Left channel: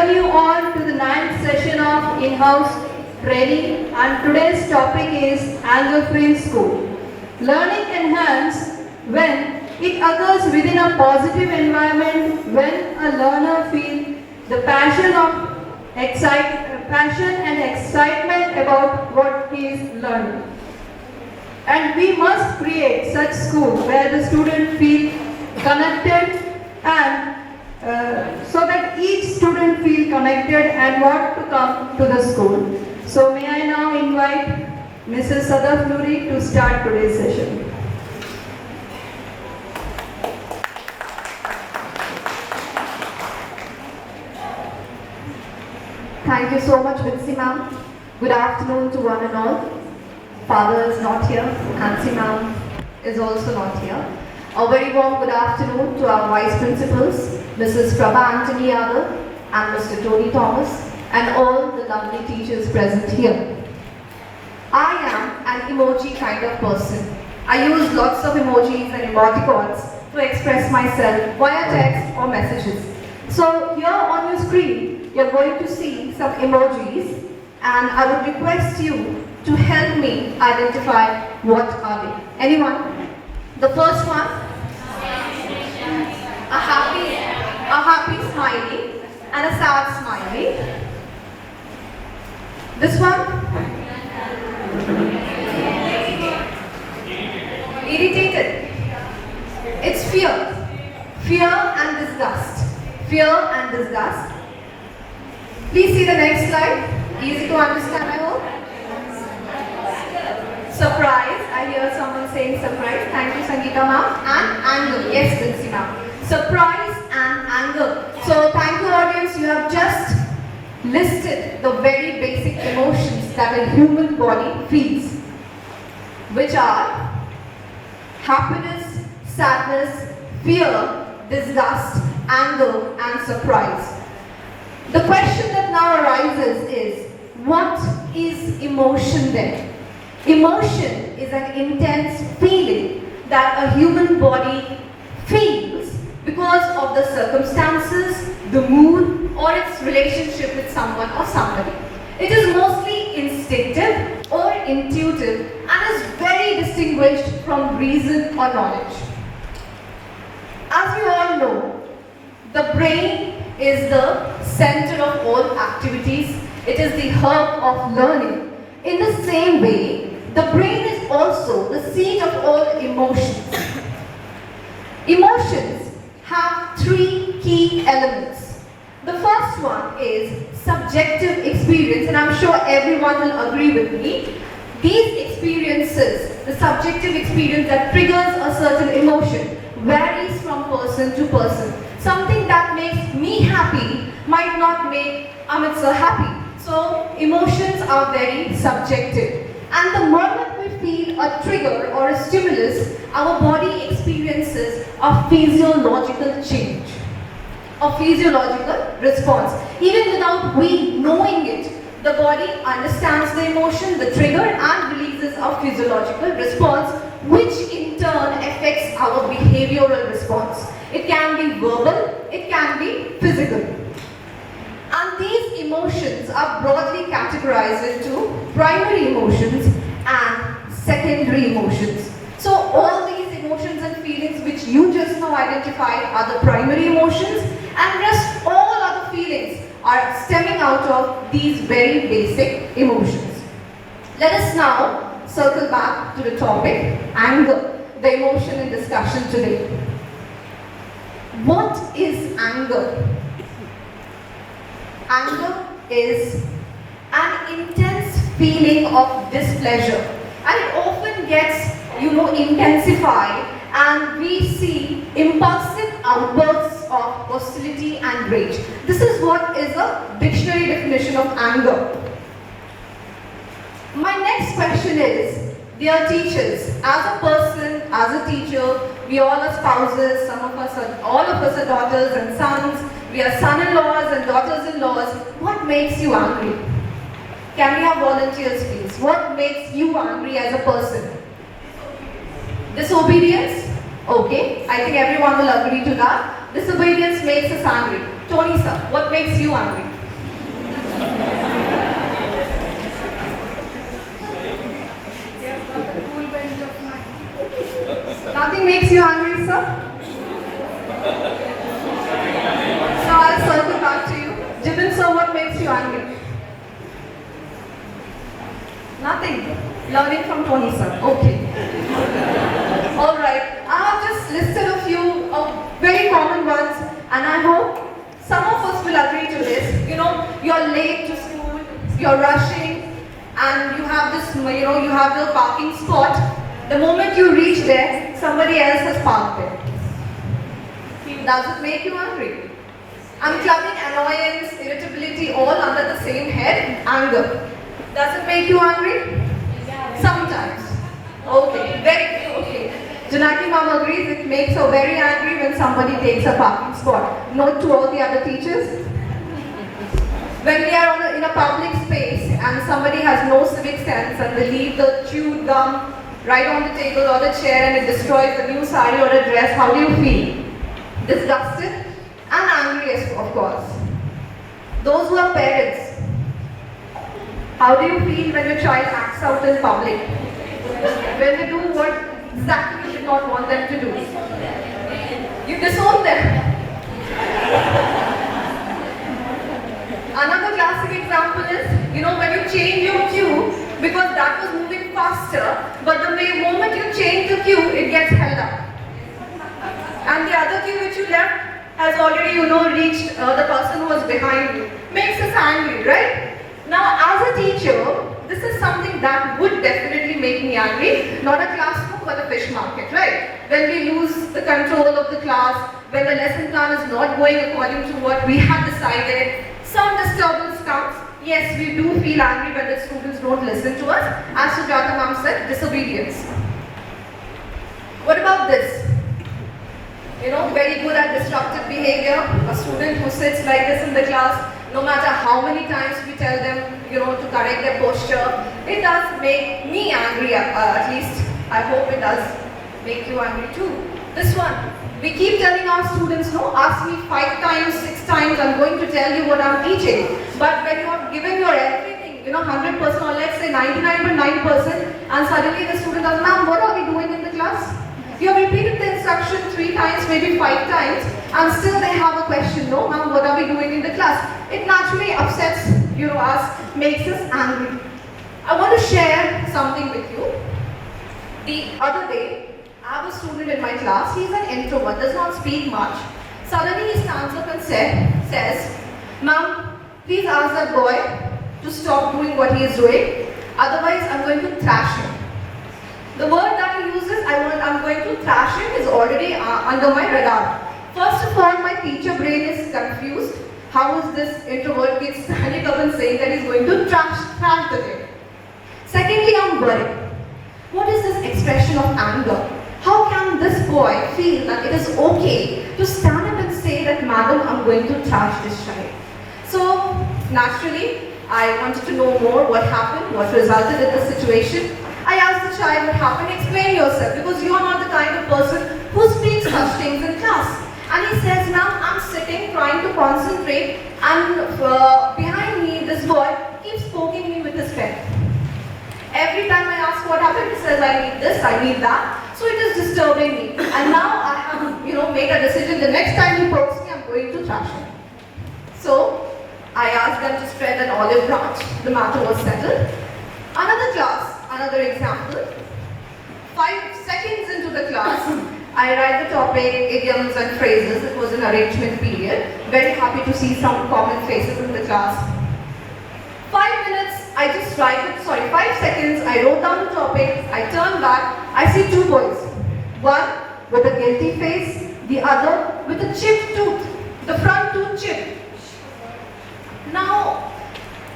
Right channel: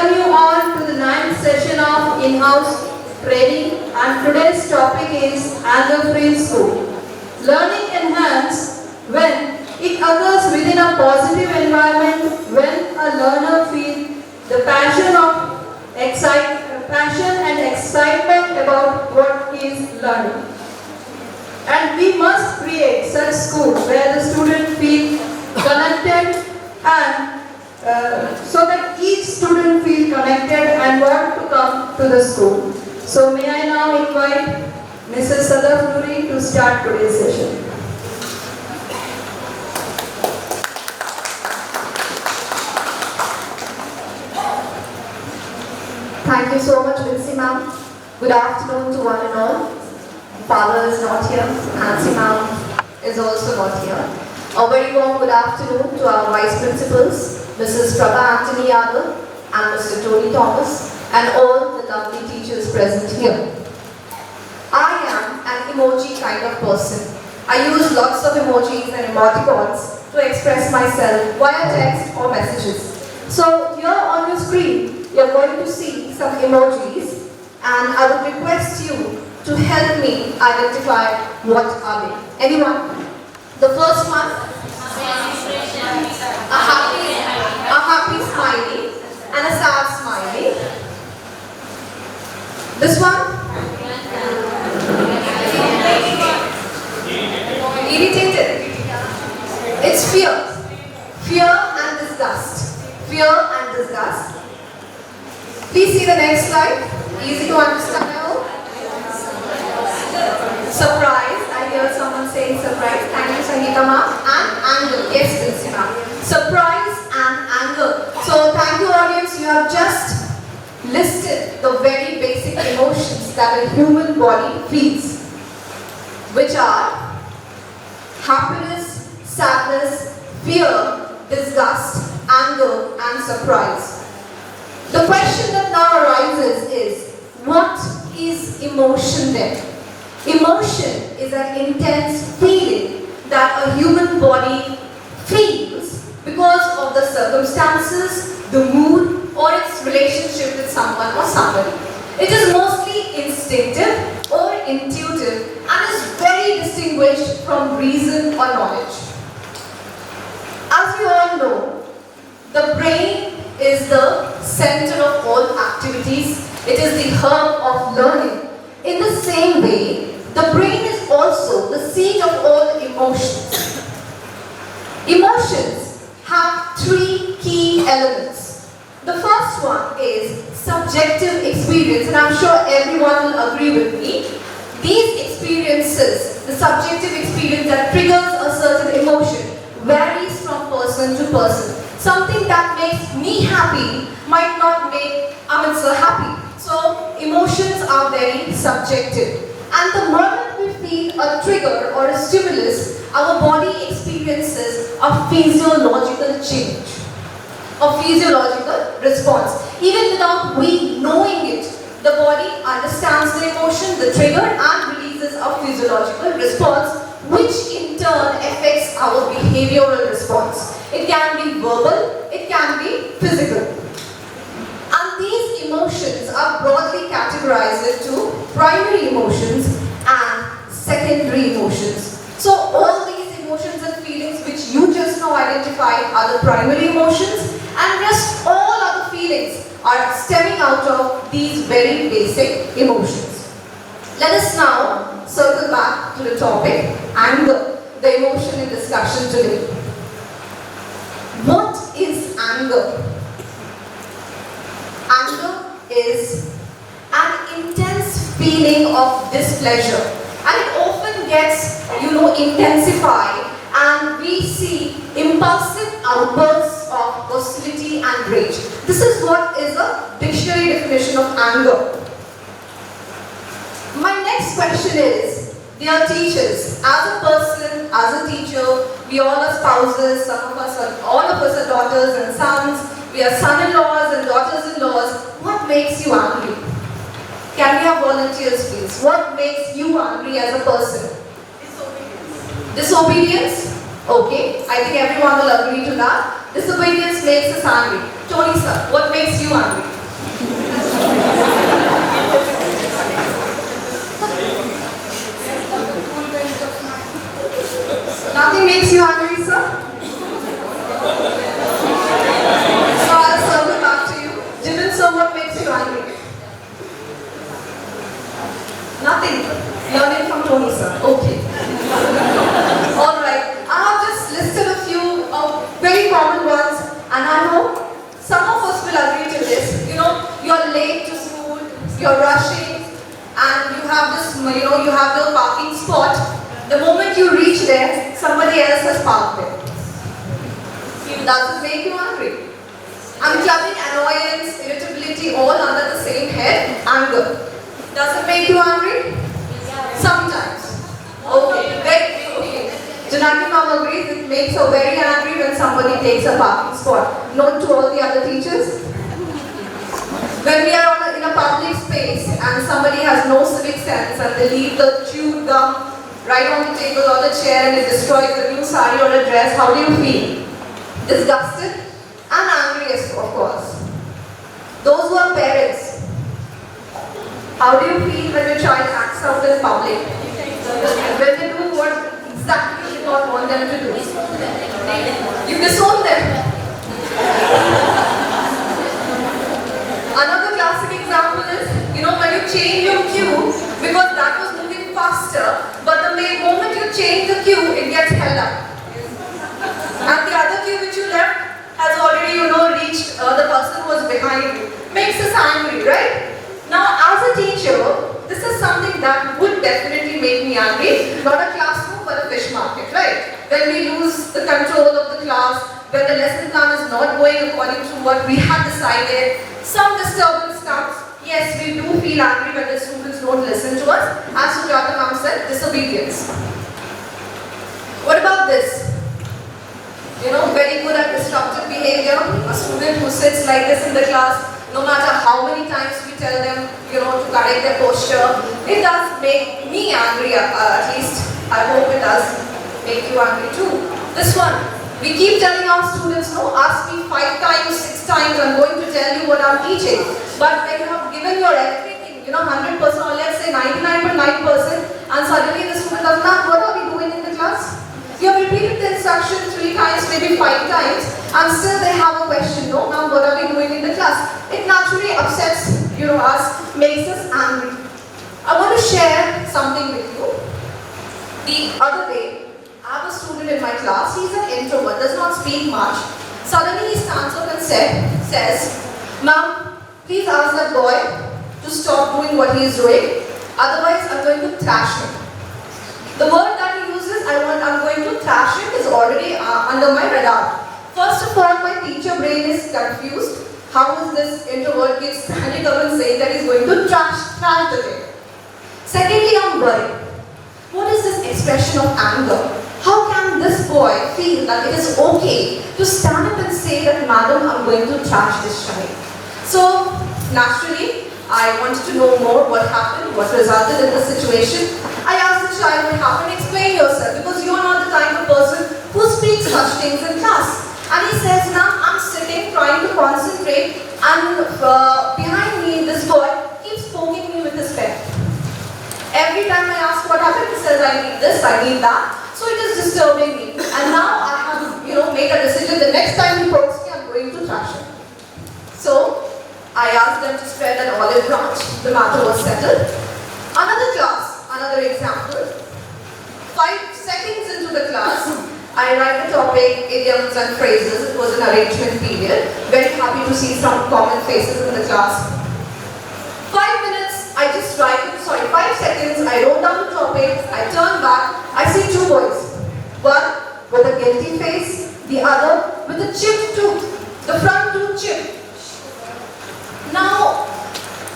welcome you all to the ninth session of in-house training, and today's topic is anger-free school. Learning enhances when it occurs within a positive environment, when a learner feels the passion and excitement about what he is learning. And we must create such school where the student feels connected and so that each student feel connected and want to come to the school. So may I now invite Mrs. Sadaf Noori to start today's session. Thank you so much, Vincy ma'am. Good afternoon to one and all. Father is not here. Nancy ma'am is also not here. A very warm good afternoon to our vice principals, Mrs. Prabha Anthony Yadav and Mr. Tony Thomas, and all the lovely teachers present here. I am an emoji kind of person. I use lots of emojis and emoticons to express myself via text or messages. So here on your screen, you're going to see some emojis, and I would request you to help me identify what are they. Anyone? The first one? A happy smiley and a sad smiley. This one? Irritated. It's fear. Fear and disgust. Fear and disgust. Please see the next slide. Easy to understand, I hope. Surprise. I hear someone saying surprise. Thank you, Sangeeta ma'am. And anger. Yes, Dilsi ma'am. Surprise and anger. So thank you, audience. You have just listed the very basic emotions that a human body feels, which are happiness, sadness, fear, disgust, anger, and surprise. The question that now arises is, what is emotion then? Emotion is an intense feeling that a human body feels because of the circumstances, the mood, or its relationship with someone or somebody. It is mostly instinctive or intuitive and is very distinguished from reason or knowledge. As you all know, the brain is the center of all activities. It is the hub of learning. In the same way, the brain is also the seat of all emotions. Emotions have three key elements. The first one is subjective experience, and I'm sure everyone will agree with me. These experiences, the subjective experience that triggers a certain emotion, varies from person to person. Something that makes me happy might not make Amit sir happy. So emotions are very subjective. And the moment we feel a trigger or a stimulus, our body experiences a physiological change, a physiological response. Even without we knowing it, the body understands the emotion, the trigger, and releases a physiological response, which in turn affects our behavioral response. It can be verbal, it can be physical. And these emotions are broadly categorized into primary emotions and secondary emotions. So all these emotions and feelings which you just now identified are the primary emotions, and rest all other feelings are stemming out of these very basic emotions. Let us now circle back to the topic, anger, the emotion in discussion today. What is anger? Anger is an intense feeling of displeasure, and it often gets, intensified, and we see impulsive outbursts of hostility and rage. This is what is a dictionary definition of anger. My next question is, dear teachers, as a person, as a teacher, we all are spouses, all of us are daughters and sons, we are son-in-laws and daughters-in-laws. What makes you angry? Can we have volunteers, please? What makes you angry as a person? Disobedience? Okay, I think everyone will agree to that. Disobedience makes us angry. Tony sir, what makes you angry? Nothing makes you angry, sir? So I'll circle back to you. Jimin sir, what makes you angry? Nothing. Learning from Tony sir. Okay. Alright. I have just listed a few very common ones, and I hope some of us will agree to this. You know, you're late to school, you're rushing, and you have this, you have the parking spot. The moment you reach there, somebody else has parked it. Does it make you angry? I'm clubbing annoyance, irritability all under the same head, anger. Does it make you angry? Sometimes. Okay, very okay. Janaki ma'am agrees it makes her very angry when somebody takes a parking spot. Note to all the other teachers. When we are in a public space and somebody has no civic sense and they leave the chewed gum right on the table or the chair and it destroys the new sari or a dress, how do you feel? Disgusted and angry, of course. Those who are parents, how do you feel when your child acts out in public? When they do what exactly you did not want them to do? You disown them. Another classic example is, when you change your cue, because that was moving faster, but the moment you change the cue, it gets held up. And the other cue which you left has already, reached the person who was behind you. Makes us angry, right? Now, as a teacher, this is something that would definitely make me angry. Not a classroom, but a fish market, right? When we lose the control of the class, when the lesson plan is not going according to what we had decided, some disturbance comes. Yes, we do feel angry when the students don't listen to us. As Sujata ma'am said, disobedience. What about this? Very good at disruptive behavior. A student who sits like this in the class, no matter how many times we tell them, to correct their posture, it does make me angry, at least. I hope it does make you angry too. This one, we keep telling our students, no, ask me 5 times, 6 times, I'm going to tell you what I'm teaching. But when you have given your everything, 100% or let's say 99.9%, and suddenly the student does not, what are we doing in the class? You have repeated the instruction 3 times, maybe 5 times, and still they have a question, no, ma'am, what are we doing in the class? It naturally upsets, us, makes us angry. I want to share something with you. The other day, I have a student in my class, he's an introvert, does not speak much. Suddenly he stands up and says, ma'am, please ask that boy to stop doing what he is doing, otherwise I'm going to thrash him. The word that he uses, I'm going to thrash him, is already under my radar. First of all, my teacher brain is confused. How is this introvert kid standing up and saying that he's going to thrash the kid? Secondly, I'm worried. What is this expression of anger? How can this boy feel that it is okay to stand up and say that, madam, I'm going to thrash this child? So, naturally, I wanted to know more what happened, what resulted in the situation. I asked the child what happened, explain yourself, because you are not the kind of person who speaks such things in class. And he says, now I'm sitting trying to concentrate, and behind me this boy keeps poking me with his pen. Every time I ask what happened, he says, I need this, I need that. So it is disturbing me. And now I have, made a decision. The next time he pokes me, I'm going to thrash him. So I asked them to spread an olive branch. The matter was settled. Another class, another example. 5 seconds into the class, I write the topic, idioms and phrases. It was an arrangement period. Very happy to see some common faces in the class. 5 minutes, I just write it, 5 seconds, I wrote down the topic, I turn back, I see 2 boys. One with a guilty face, the other with a chipped tooth, the front tooth chipped. Now,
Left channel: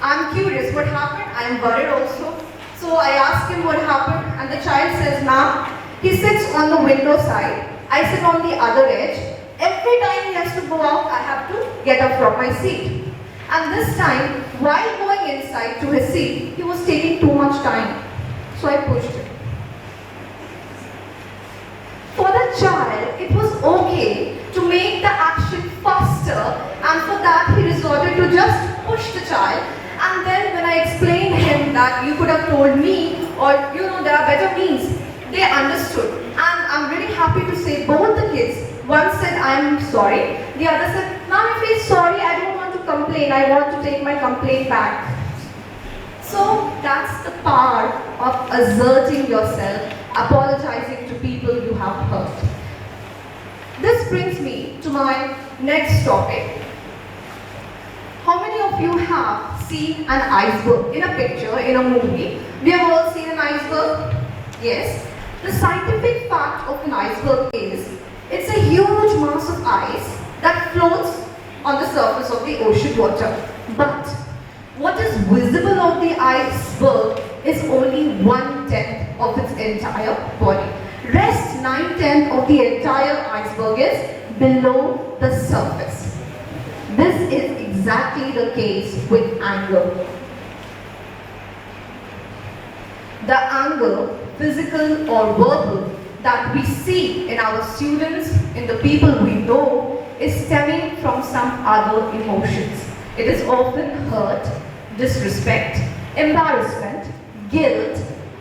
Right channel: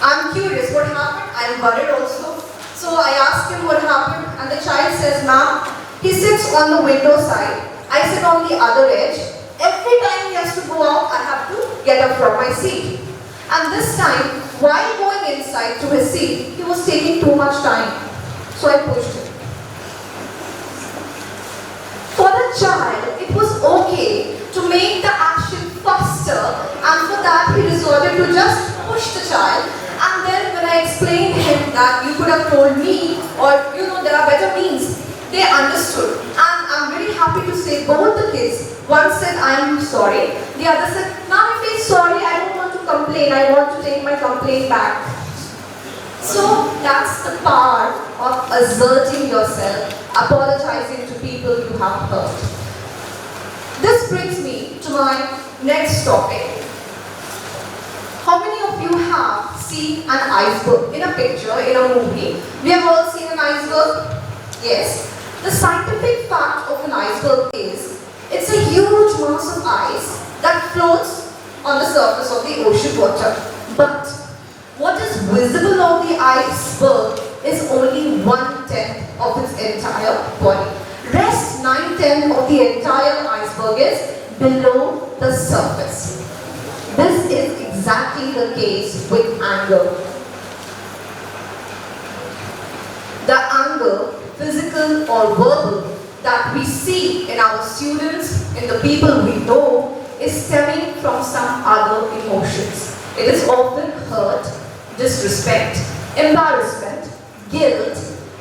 I'm curious what happened, I'm worried also. So I ask him what happened, and the child says, ma'am, he sits on the window side, I sit on the other edge. Every time he has to go out, I have to get up from my seat. And this time, while going inside to his seat, he was taking too much time. So I pushed him. For the child, it was okay to make the action faster and for told me, or there are better means. They understood. And I'm really happy to say both the kids, one said, I'm sorry. The other said, Ma'am, if he's sorry, I don't want to complain. I want to take my complaint back. So that's the power of asserting yourself, apologizing to people you have hurt. This brings me to my next topic. How many of you have seen an iceberg in a picture, in a movie? We have all seen an iceberg? Yes. The scientific fact of an iceberg is, it's a huge mass of ice that floats on the surface of the ocean water. But what is visible on the iceberg is only 1/10 of its entire body. Rest 9/10 of the entire iceberg is below the surface. This is exactly the case with anger. The anger, physical or verbal, that we see in our students, in the people we know, is stemming from some other emotions. It is often hurt, disrespect, embarrassment, guilt,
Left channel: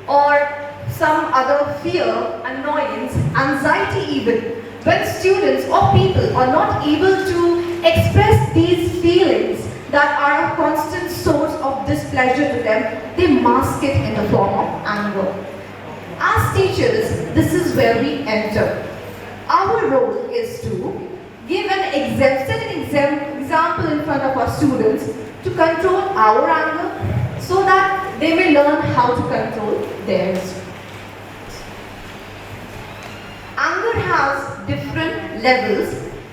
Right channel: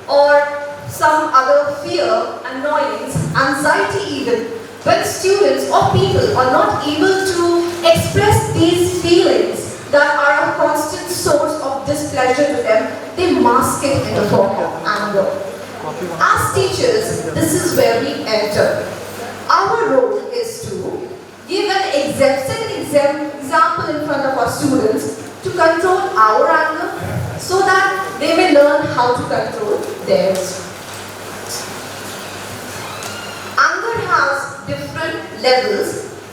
or some other fear, annoyance, anxiety even. When students or people are not able to express these feelings that are a constant source of displeasure to them, they mask it in the form of anger. As teachers, this is where we enter. Our role is to give set an example in front of our students to control our anger so that they may learn how to control theirs. Anger has different levels,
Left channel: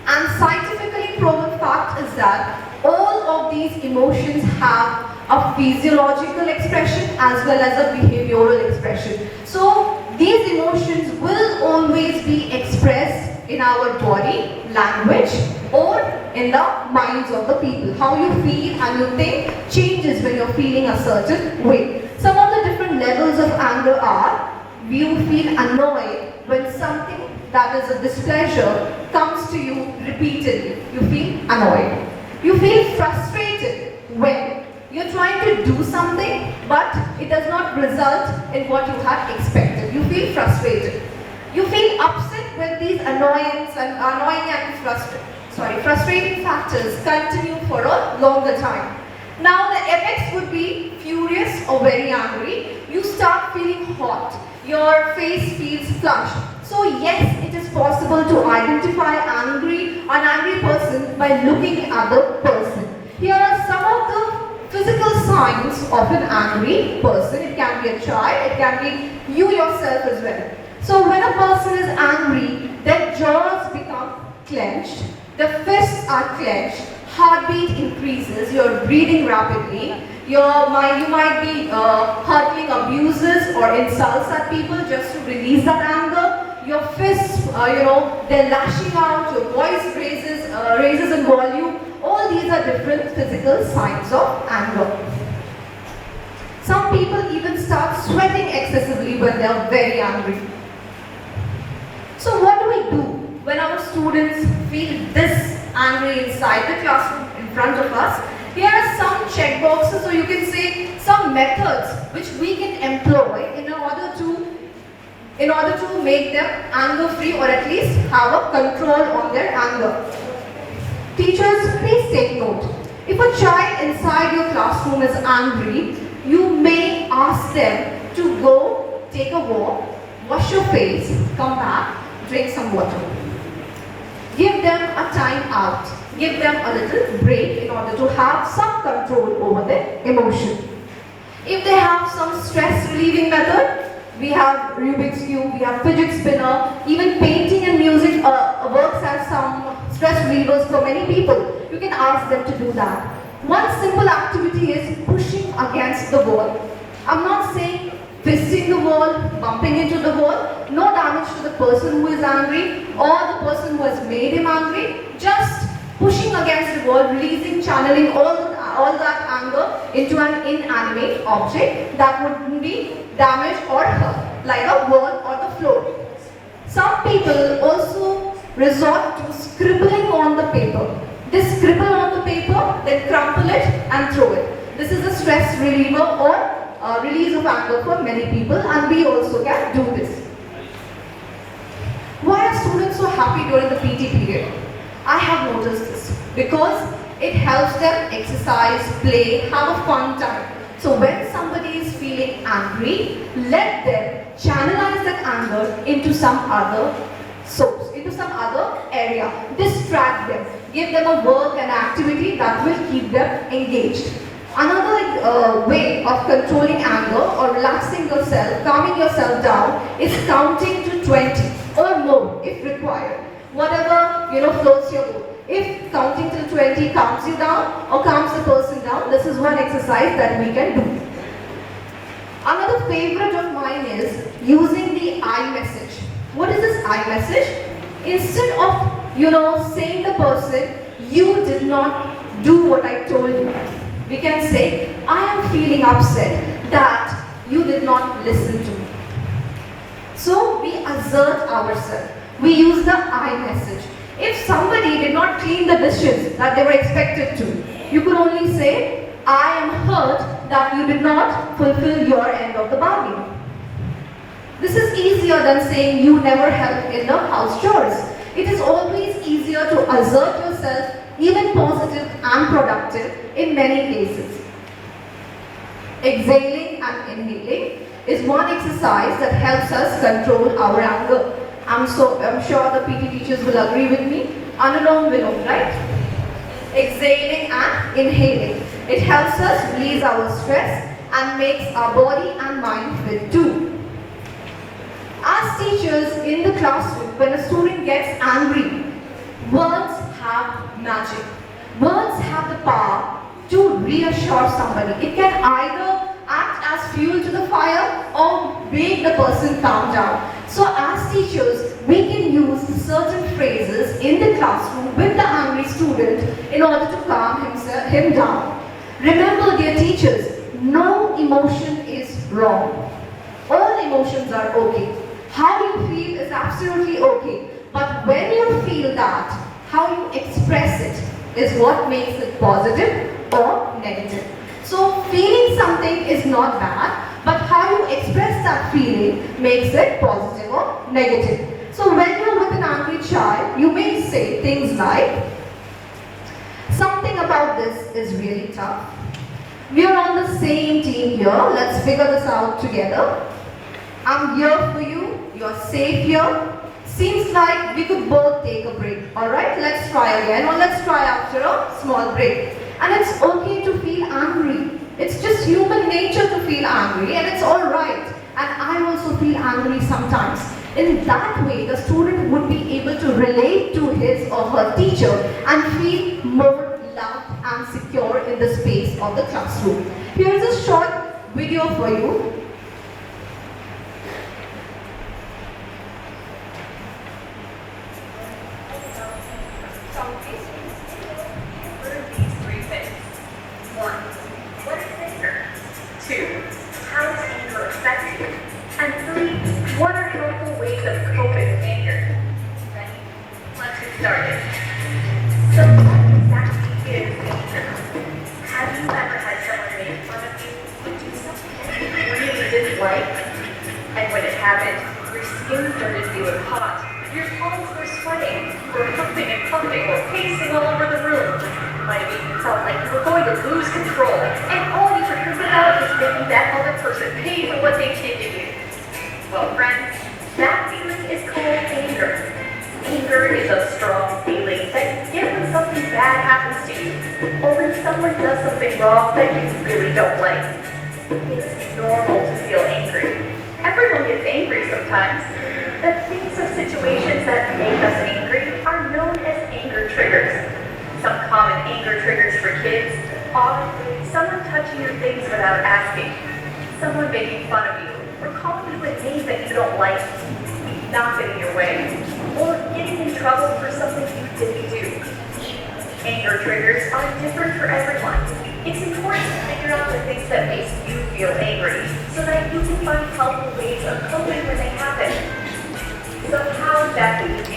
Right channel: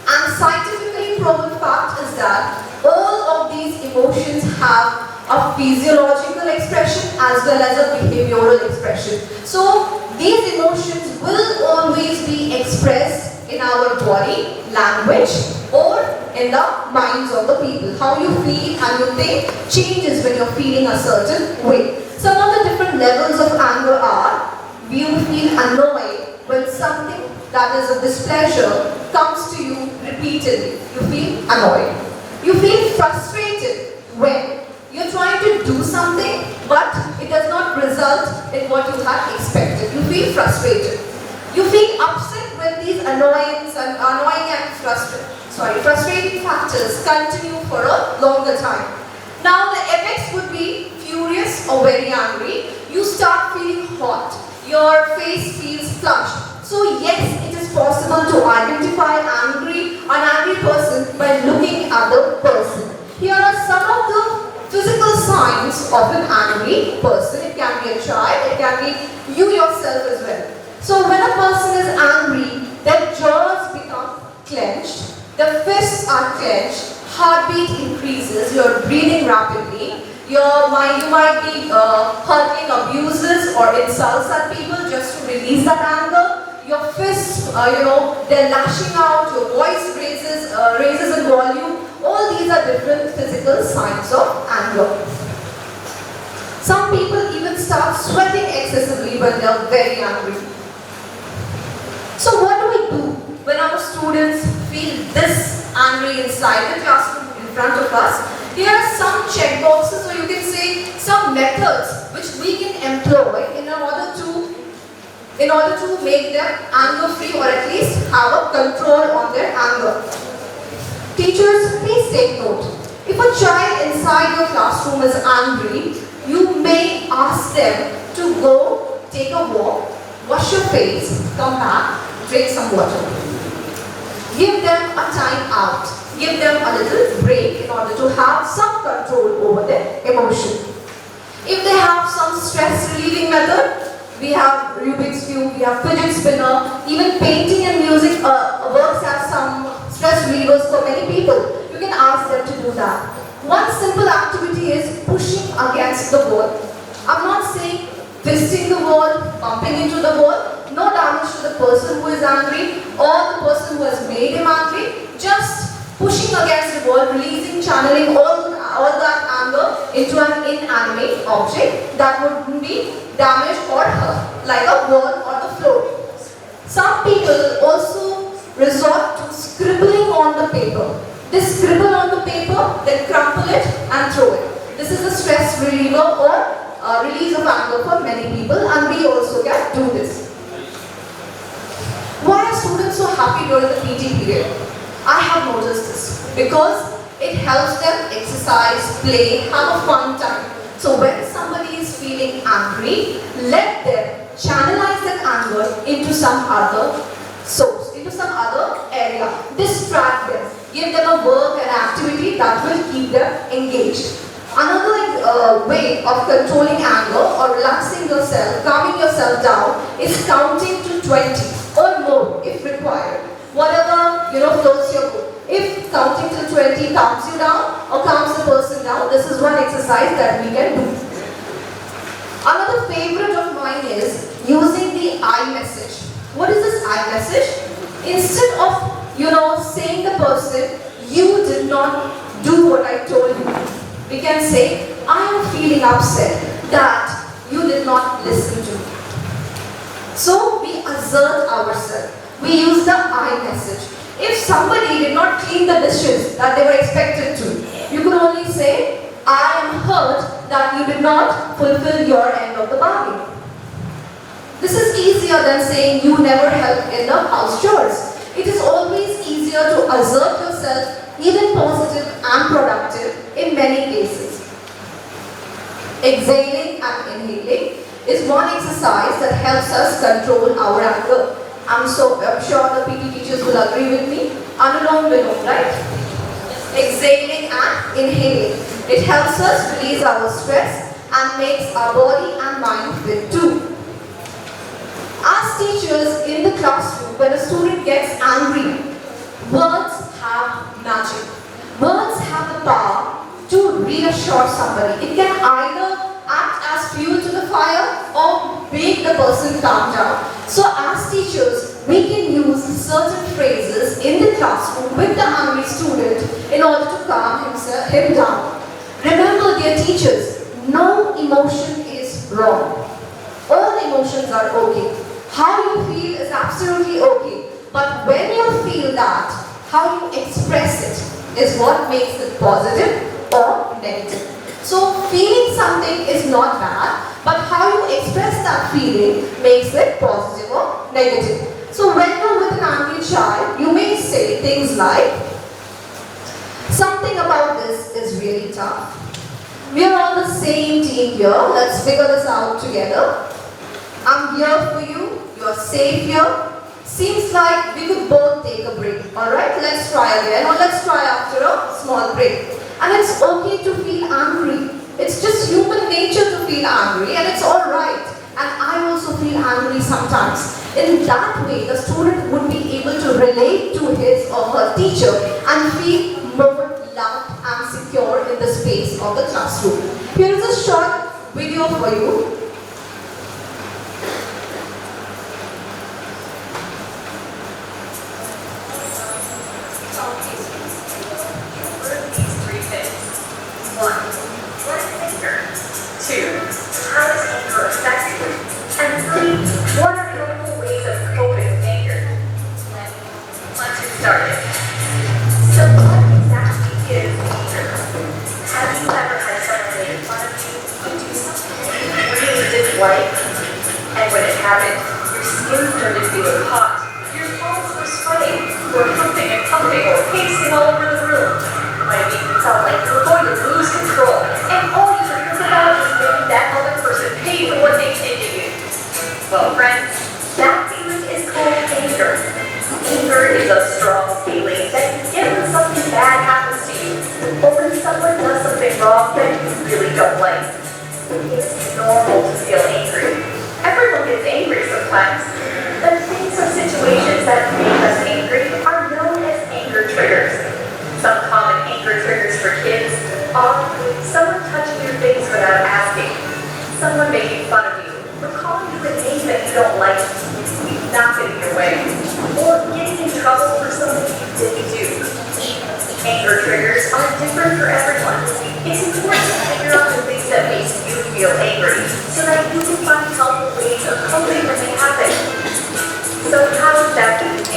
and scientifically proven fact is that all of these emotions have a physiological expression as well as a behavioral expression. So these emotions will always be expressed in our body, language, or in the minds of the people. How you feel and you think changes when you're feeling a certain way. Some of the different levels of anger are, you feel annoyed when something that is a displeasure comes to you repeatedly. You feel annoyed. You feel frustrated when you're trying to do something but it does not result in what you had expected. You feel frustrated. You feel upset when these annoying and frustrating factors continue for a longer time. Now the effects would be furious or very angry. You start feeling hot. Your face feels flushed. So yes, it is possible to identify an angry person by looking at the person. Here are some of the physical signs of an angry person. It can be a child, it can be you yourself as well. So when a person is angry, their jaws become clenched, the fists are clenched, heartbeat increases, you're breathing rapidly, you might be hurling abuses or insults at people just to release that anger. Your fists, they're lashing out, your voice raises in volume. All these are different physical signs of anger. Some people even start sweating excessively when they are very angry. So what do we do when our students feel this angry inside the classroom in front of us? Here are some check boxes, or you can say some methods which we can employ in order to make them anger free, or at least have a control on their anger. Teachers, please take note. If a child inside your classroom is angry, you may ask them to go take a walk, wash your face, come back, drink some water. Give them a time out. Give them a little break in order to have some control over their emotion. If they have some stress relieving method, we have Rubik's Cube, we have fidget spinner, even painting and music works as some stress relievers for many people. You can ask them to do that. One simple activity is pushing against the wall. I'm not saying fisting the wall, bumping into the wall. No damage to the person who is angry or the person who has made him angry. Just pushing against the wall, releasing, channeling all that anger into an inanimate object that wouldn't be damaged or hurt, like a wall or the floor. Some people also resort to scribbling on the paper. They scribble on the paper, then crumple it and throw it. This is a stress reliever or release of anger for many people, and we also can do this. Why are students so happy during the PT period? I have noticed this because it helps them exercise, play, have a fun time. So when somebody is feeling angry, let them channelize that anger into some other source, into some other area. Distract them. Give them a work and activity that will keep them engaged. Another way of controlling anger or relaxing yourself, calming yourself down is counting to 20 or more if required. Whatever floats your boat. If counting till 20 calms you down or calms the person down, this is one exercise that we can do. Another favorite of mine is using the I message. What is this I message? Instead of saying the person, you did not do what I told you, we can say, I am feeling upset that you did not listen to me. So we assert ourselves. We use the I message. If somebody did not clean the dishes that they were expected to, you could only say, I am hurt that you did not fulfill your end of the bargain. This is easier than saying you never help in the house chores. It is always easier to assert yourself, even positive and productive in many cases. Exhaling and inhaling is one exercise that helps us control our anger. I'm sure the PT teachers will agree with me. Anulom Vilom, right? Exhaling and inhaling. It helps us release our stress and makes our body and mind fit too. As teachers in the classroom, when a student gets angry, words have magic. Words have the power to reassure somebody. It can either act as fuel to the fire or make the person calm down. So as teachers, we can use certain phrases in the classroom with the angry student in order to calm him down. Remember, dear teachers, no emotion is wrong. All emotions are okay. How you feel is absolutely okay. But when you feel that, how you express it is what makes it positive or negative. So feeling something is not bad, but how you express that feeling makes it positive or negative. So when you're with an angry child, you may say things like, something about this is really tough. We're on the same team here. Let's figure this out together. I'm here for you. You're safe here. Seems like we could both take a break. Alright, let's try again, or let's try after a small break. And it's okay to feel angry. It's just human nature to feel angry, and it's alright. And I also feel angry sometimes. In that way, the student would be able to relate to his or her teacher and feel more loved and secure in the space of the classroom. Here is a short video for you. So how exactly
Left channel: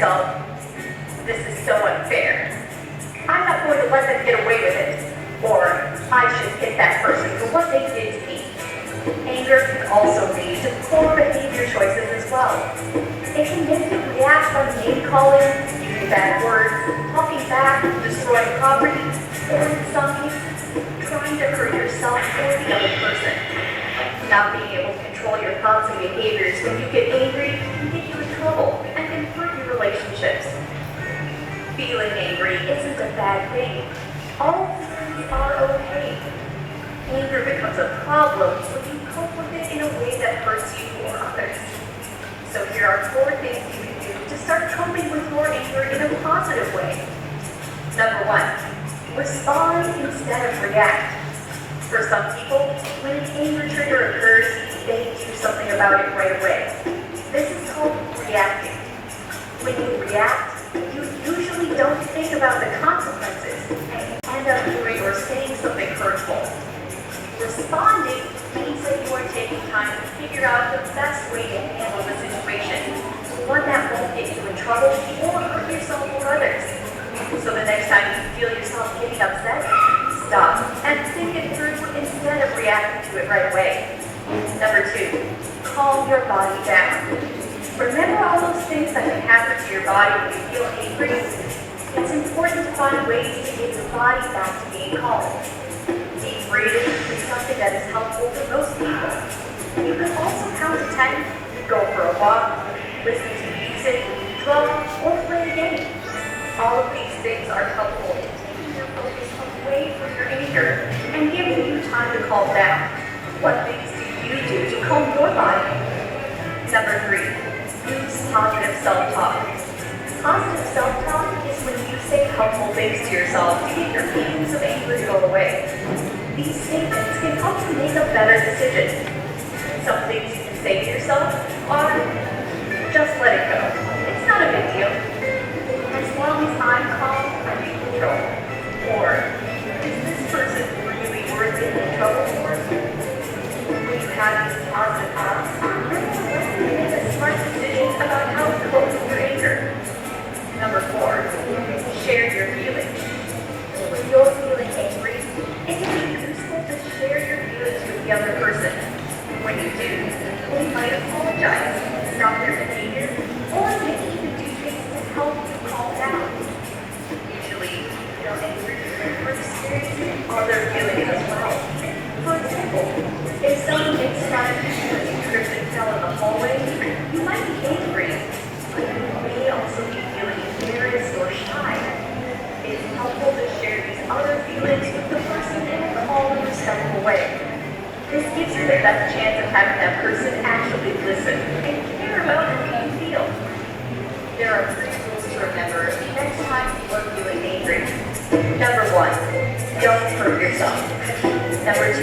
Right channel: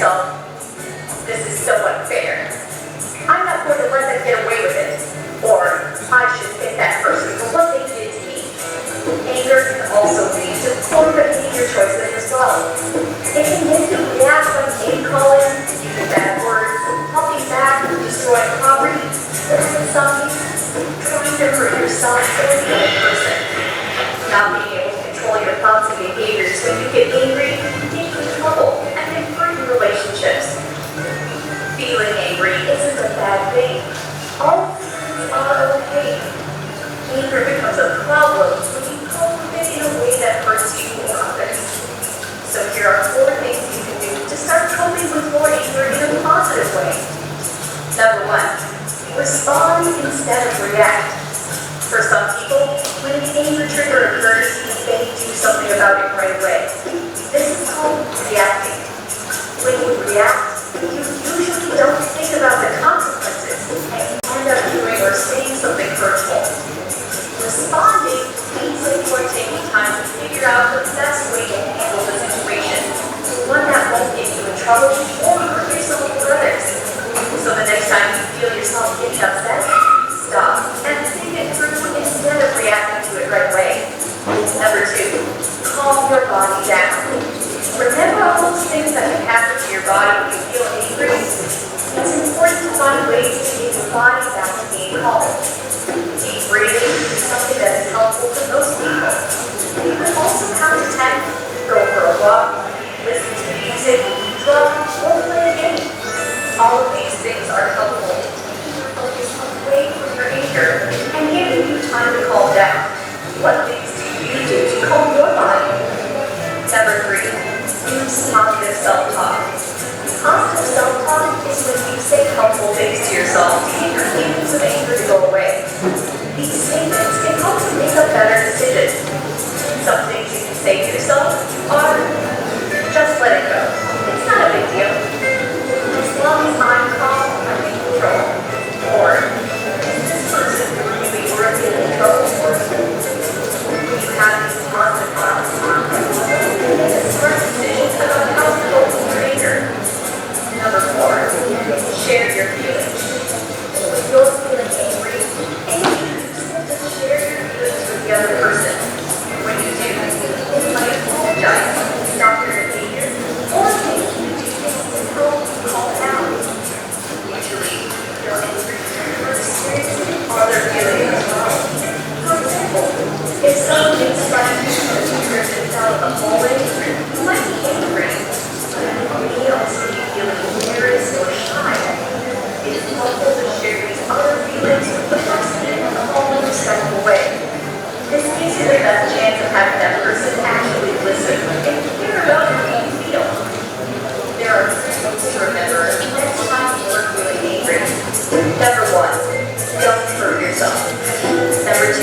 yourself, this is so unfair. I'm not going to let them get away with it. Or, I should get that person for what they did to me. Anger can also lead to poor behavior choices as well. It can make you react by name calling, using bad words, talking back, destroying property, or in some cases, trying to hurt yourself or the other person. Not being able to control your thoughts and behaviors when you get angry can get you in trouble and can hurt your relationships. Feeling angry isn't a bad thing. All feelings are okay. Anger becomes a problem when you cope with it in a way that hurts you or others. So here are 4 things you can do to start coping with your anger in a positive way. Number 1, respond instead of react. For some people, when an anger trigger occurs, they do something about it right away. This is called reacting. When you react, you usually don't think about the consequences and you end up doing or saying something hurtful. Responding means that you are taking time to figure out the best way to handle the situation, one that won't get you in trouble or hurt yourself or others. So the next time you feel yourself getting upset, stop and think it through instead of reacting to it right away. Number 2, calm your body down. Remember all those things that can happen to your body when you feel angry? It's important to find ways to get your body back to being calm. Deep breathing is something that is helpful to most people. You can also count to 10, go for a walk, listen to music, draw, or play a game. All of these things are helpful in keeping your focus away from your anger and giving you time to calm down. What things do you do to calm your body? Number 3, use positive self-talk. Positive self-talk is when you say helpful things to yourself to get your feelings of anger to go away. These statements can help you make a better decision. Some things you can say to yourself are, just let it go. It's not a big deal. As long as I'm calm, I'm in control. Or, is this person really worth it in trouble for? When you have these positive thoughts, you make a smart decision about how to cope with your anger. Number 4, share your feelings. When you're feeling angry, it can be useful to share your feelings with the other person. When you do, they might apologize, stop their behavior, or maybe you do things to help you calm down. Usually, feel angry or experiencing other feelings as well. For example, if someone instructs you to trip and fell in the hallway, you might be angry, but you may also be feeling embarrassed or shy. It is helpful to share these other feelings with the person in a calm and respectful way. This gives you the best chance of having that person actually listen and care about how you feel. There are 3 rules to remember next time you are feeling angry. Number 1, don't hurt yourself. Number 2,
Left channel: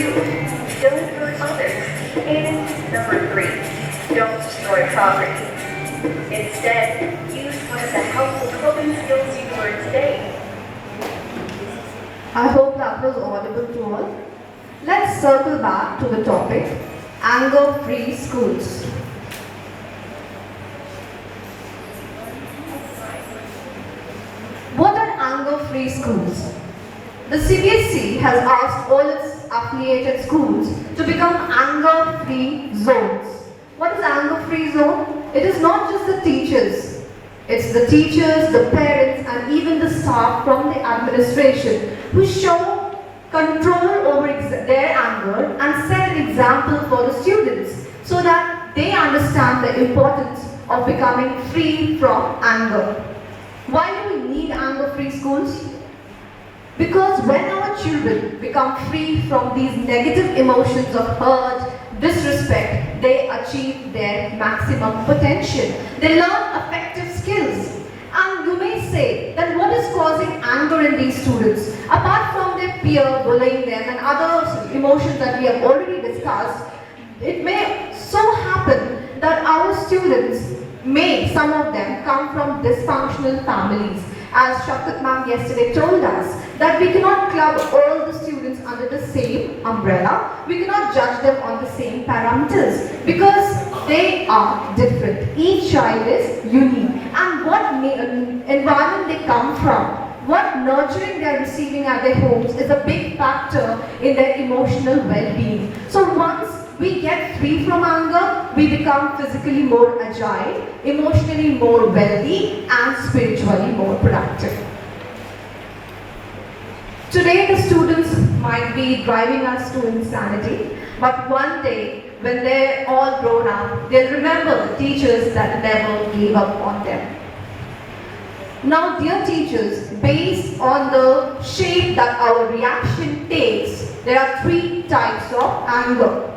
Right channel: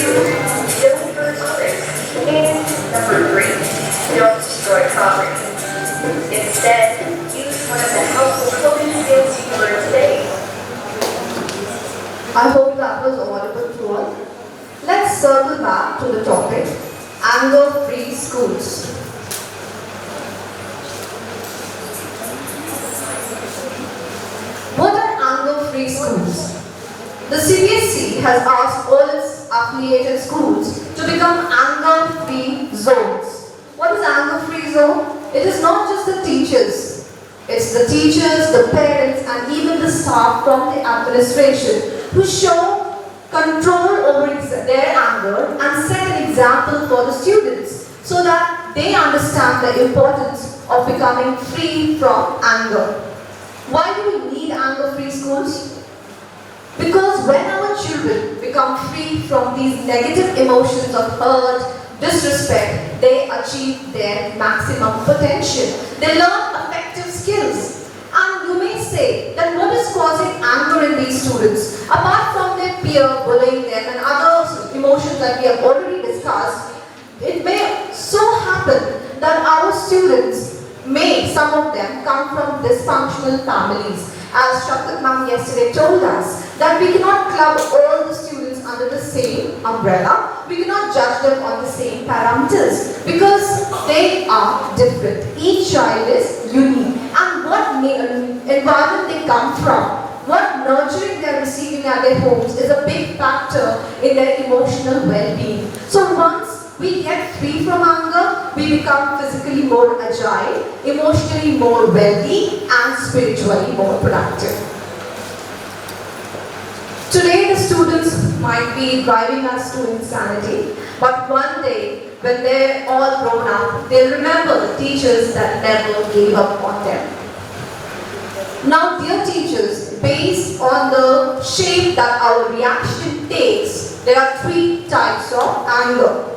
don't hurt others. And number 3, don't destroy property. Instead, use one of the helpful coping skills you learned today. I hope that was audible to all. Let's circle back to the topic, anger-free schools. What are anger-free schools? The CBSE has asked all its affiliated schools to become anger-free zones. What is anger-free zone? It is not just the teachers. It's the teachers, the parents, and even the staff from the administration who show control over their anger and set an example for the students so that they understand the importance of becoming free from anger. Why do we need anger-free schools? Because when our children become free from these negative emotions of hurt, disrespect, they achieve their maximum potential. They learn effective skills. And you may say that what is causing anger in these students? Apart from their peer bullying them and other emotions that we have already discussed, it may so happen that our students may, some of them, come from dysfunctional families. As Shakti ma'am yesterday told us, that we cannot club all the students under the same umbrella. We cannot judge them on the same parameters because they are different. Each child is unique. And and what environment they come from, what nurturing they're receiving at their homes is a big factor in their emotional well-being. So once we get free from anger, we become physically more agile, emotionally more wealthy, and spiritually more productive. Today the students might be driving us to insanity, but one day when they're all grown up, they'll remember the teachers that never gave up on them. Now, dear teachers, based on the shape that our reaction takes, there are 3 types of anger.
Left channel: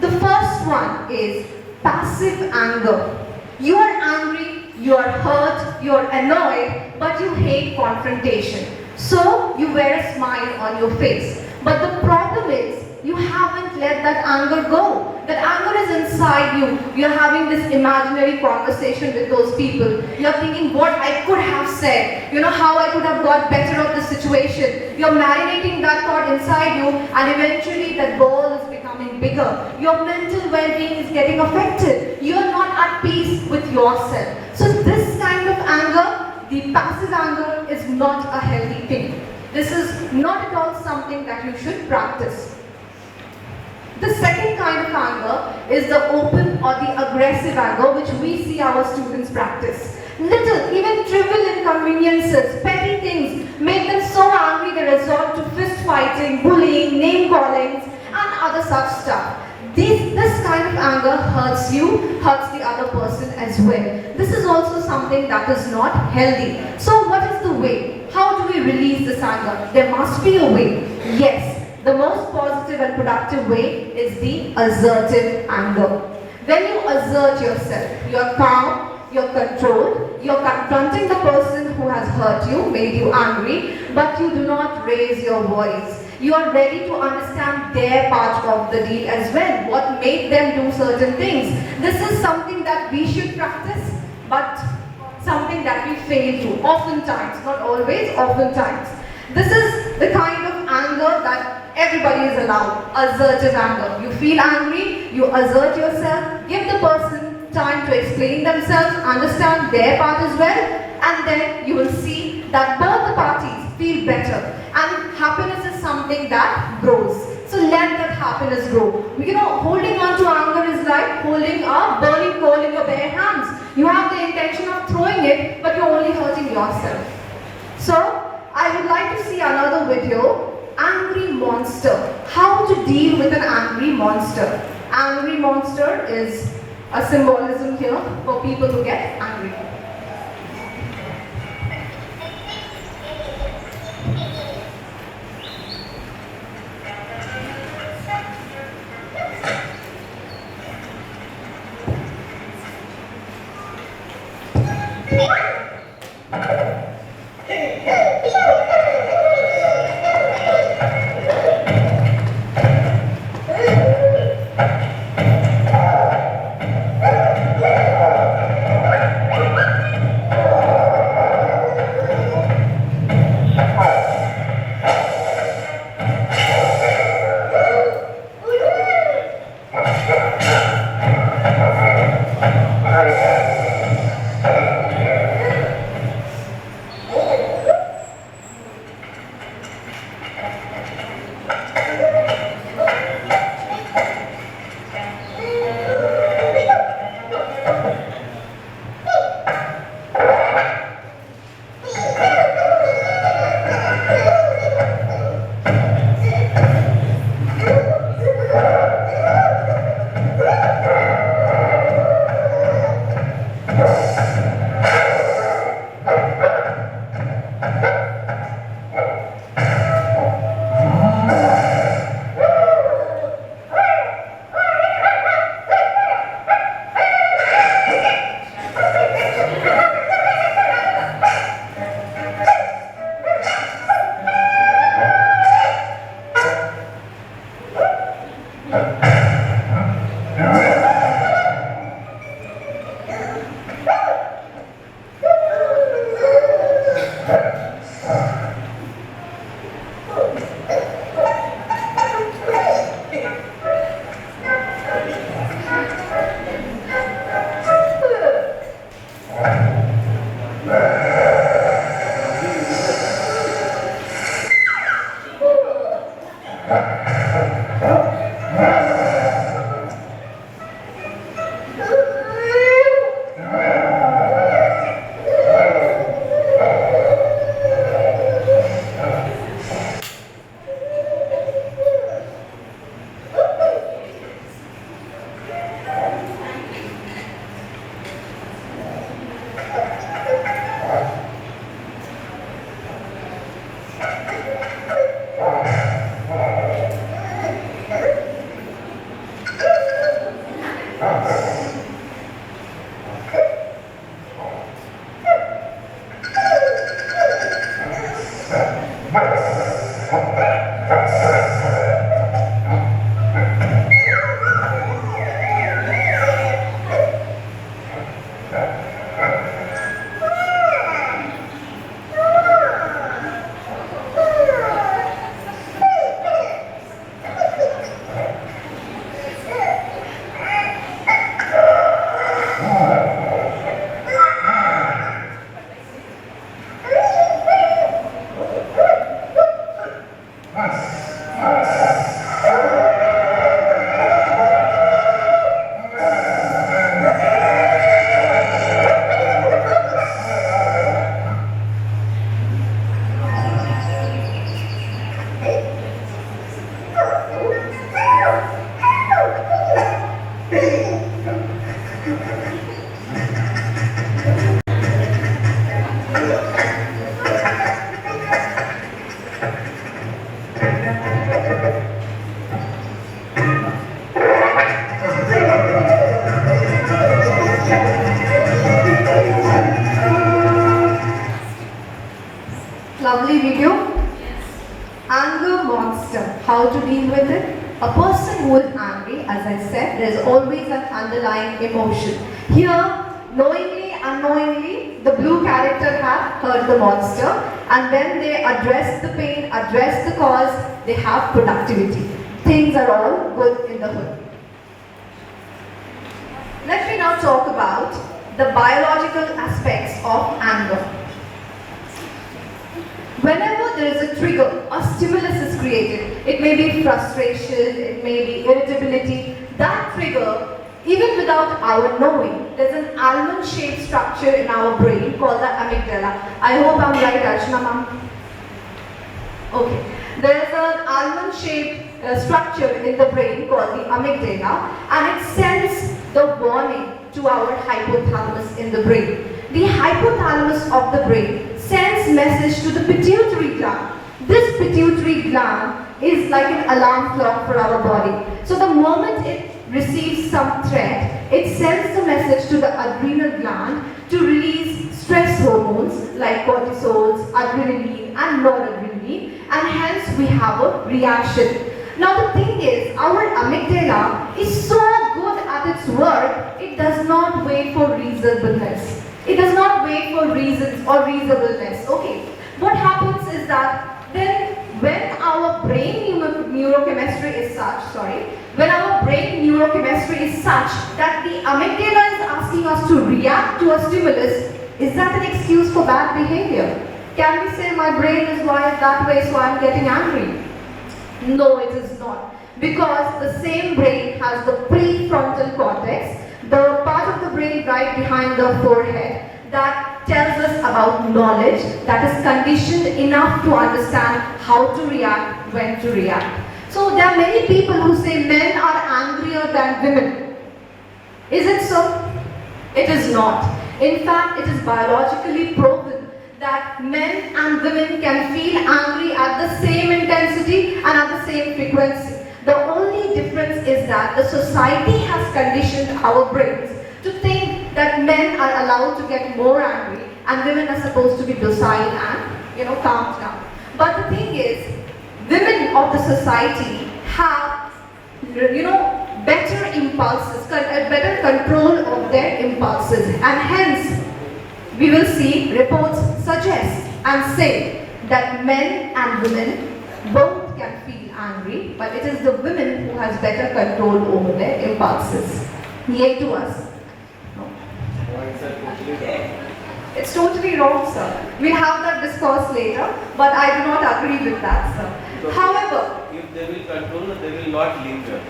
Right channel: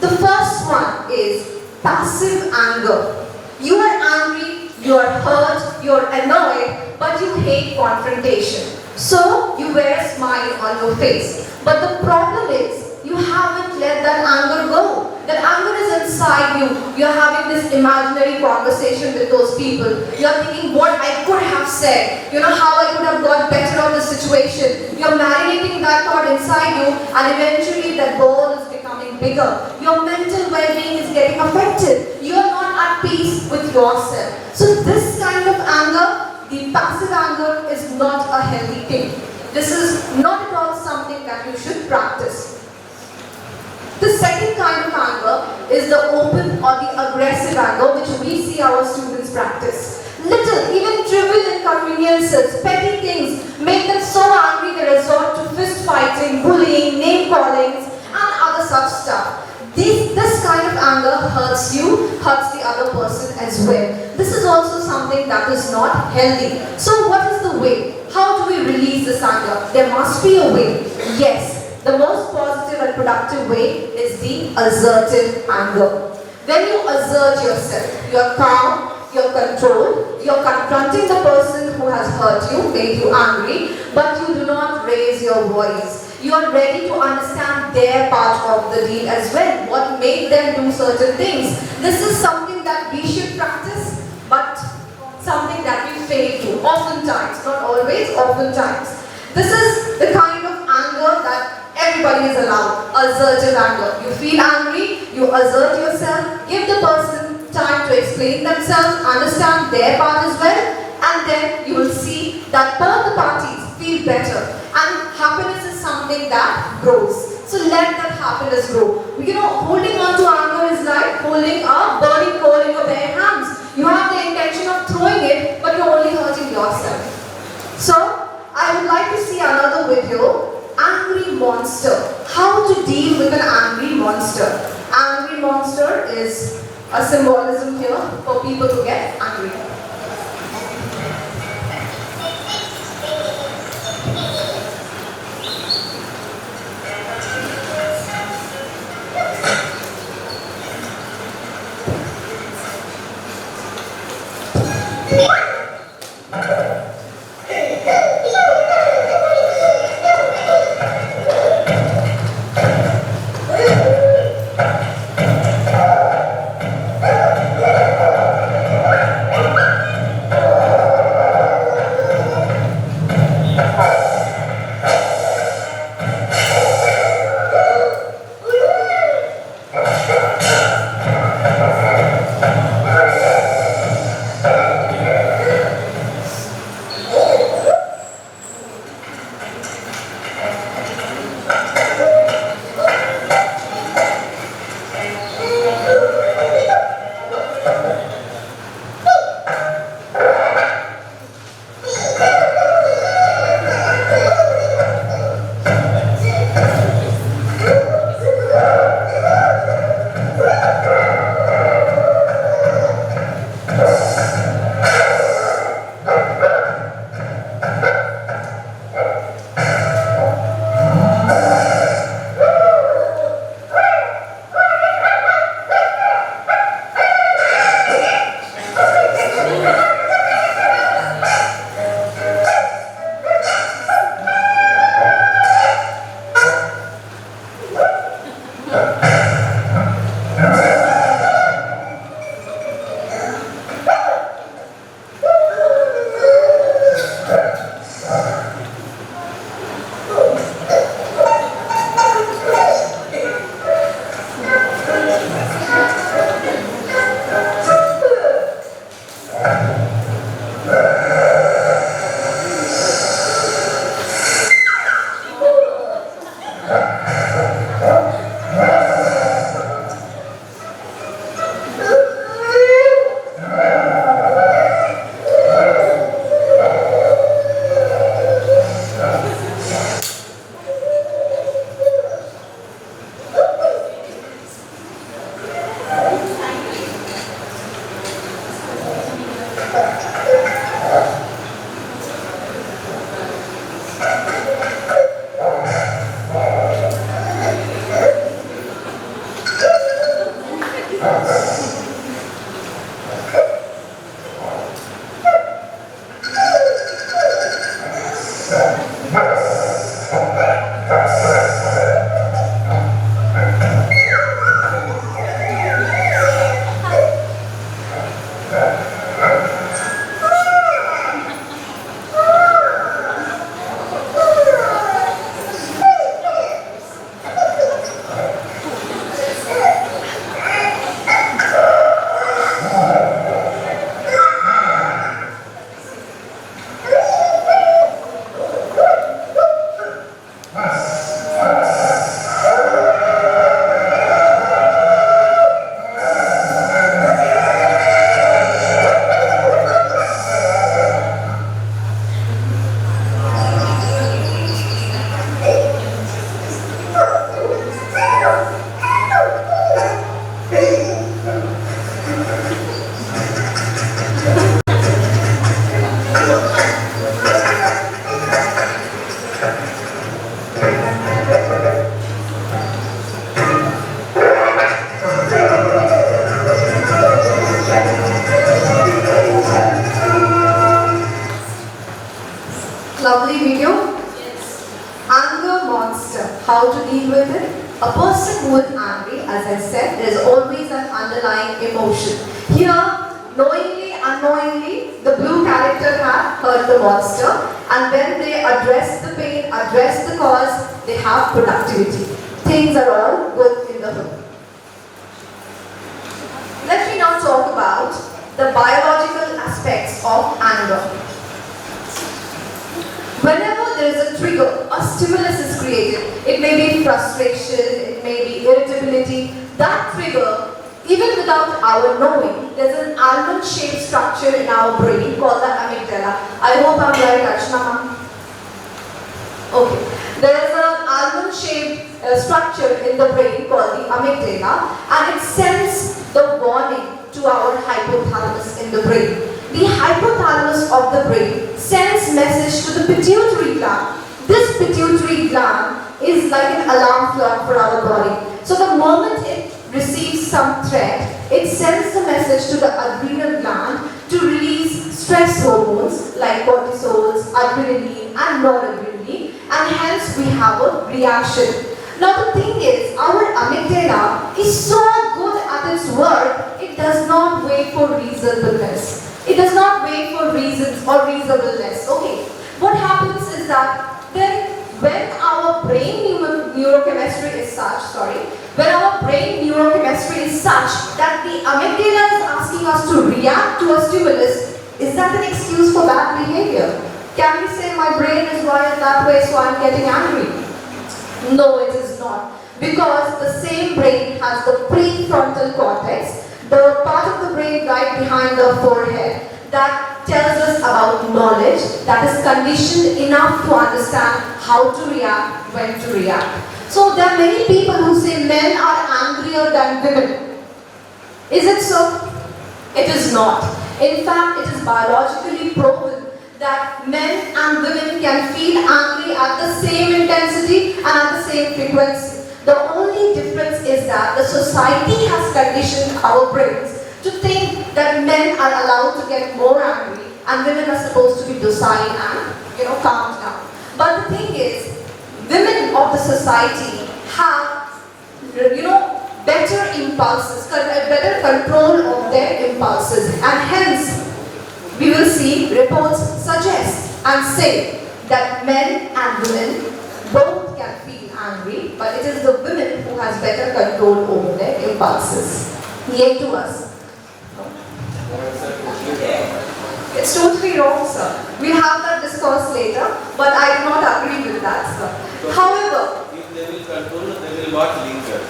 The first one is passive anger. You are angry, you are hurt, you are annoyed, but you hate confrontation. So, you wear a smile on your face. But the problem is, you haven't let that anger go. That anger is inside you. You're having this imaginary conversation with those people. You're thinking what I could have said. You know how I could have got better of the situation. You're marinating that thought inside you, and eventually that ball is becoming bigger. Your mental well-being is getting affected. You're not at peace with yourself. So this kind of anger, the passive anger, is not a healthy thing. This is not at all something that you should practice. The second kind of anger is the open or the aggressive anger, which we see our students practice. Little, even trivial inconveniences, petty things make them so angry they resort to fist fighting, bullying, name callings, and other such stuff. This kind of anger hurts you, hurts the other person as well. This is also something that is not healthy. So what is the way? How do we release this anger? There must be a way. Yes. The most positive and productive way is the assertive anger. When you assert yourself, you're calm, you're controlled, you're confronting the person who has hurt you, made you angry, but you do not raise your voice. You are ready to understand their part of the deal as well, what made them do certain things. This is something that we should practice, but something that we fail to, oftentimes, not always, oftentimes. This is the kind of anger that everybody is allowed, assertive anger. You feel angry, you assert yourself, give the person time to explain themselves, understand their part as well, and then you will see that both the parties feel better. And happiness is something that grows. So let that happiness grow. You know, holding on to anger is like holding a burning coal in your bare hands. You have the intention of throwing it, but you're only hurting yourself. So, I would like to see another video. Angry monster. How to deal with an angry monster. Angry monster is a symbolism here for people who get angry. Lovely video. Anger monster. How to deal with it? A person who is angry, as I said, there's always an underlying emotion. Here, knowingly, unknowingly, the blue character have hurt the monster, and when they address the pain, address the cause, they have productivity. Things are all good in the hood. Let me now talk about the biological aspects of anger. Whenever there is a trigger, a stimulus is created. It may be frustration, it may be irritability. That trigger, even without our knowing, there's an almond-shaped structure in our brain called the amygdala. I hope I'm right, Archana ma'am. Okay. There's an almond-shaped structure in the brain called the amygdala, and it sends the warning to our hypothalamus in the brain. The hypothalamus of the brain sends message to the pituitary gland. This pituitary gland is like an alarm clock for our body. So the moment it receives some threat, it sends a message to the adrenal gland to release stress hormones like cortisols, adrenaline and noradrenaline, and hence we have a reaction. Now the thing is, our amygdala is so good at its work, it does not wait for reasonableness. It does not wait for reasons or reasonableness. Okay. What happens is that then when our brain neurochemistry is such, that the amygdala is asking us to react to a stimulus, is that an excuse for bad behavior? Can we say my brain is wired that way so I'm getting angry? No, it is not. Because the same brain has the prefrontal cortex, the part of the brain right behind the forehead that tells us about knowledge, that is conditioned enough to understand how to react, when to react. So there are many people who say men are angrier than women. Is it so? It is not. In fact, it is biologically proven that men and women can feel angry at the same intensity and at the same frequency. The only difference is that the society has conditioned our brains to think that men are allowed to get more angry and women are supposed to be docile and, calmed down. But the thing is, women of the society have, better impulses, better control of their impulses, and hence we will see reports suggest and say that men and women both can feel angry, but it is the women who has better control over their impulses. Yet to us. It's totally wrong, sir. We'll have that discourse later, but I do not agree with that, sir. However, if they will control, they will not linger.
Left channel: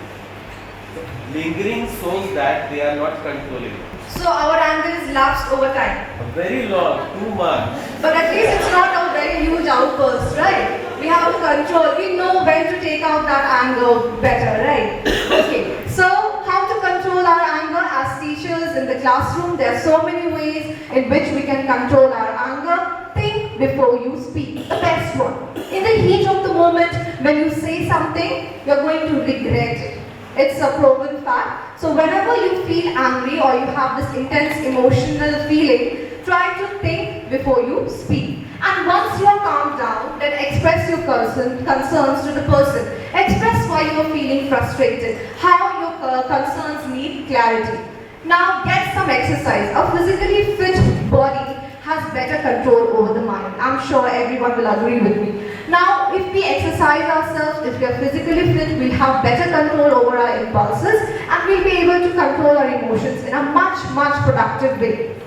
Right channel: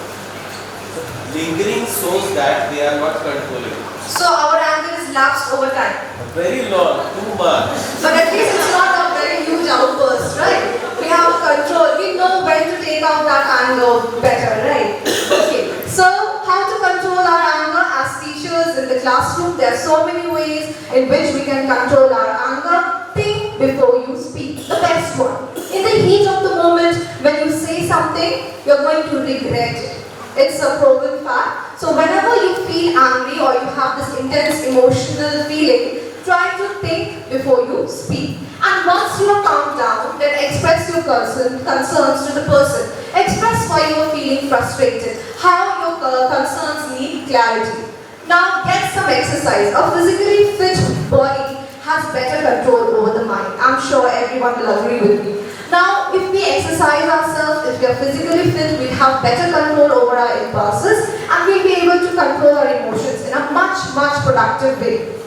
Lingering shows that they are not controlling. so our anger is lapsed over time. Very long, too much. But at least it's not a very huge outburst, right? We have control. We know when to take out that anger better, right? Okay. So how to control our anger as teachers in the classroom? There are so many ways in which we can control our anger. Think before you speak. The best one. In the heat of the moment, when you say something, you're going to regret it. It's a proven fact. So whenever you feel angry or you have this intense emotional feeling, try to think before you speak. And once you are calmed down, then express your concerns to the person. Express why you are feeling frustrated, how your concerns need clarity. Now get some exercise. A physically fit body has better control over the mind. I'm sure everyone will agree with me. Now, if we exercise ourselves, if we are physically fit, we'll have better control over our impulses and we'll be able to control our emotions in a much productive way.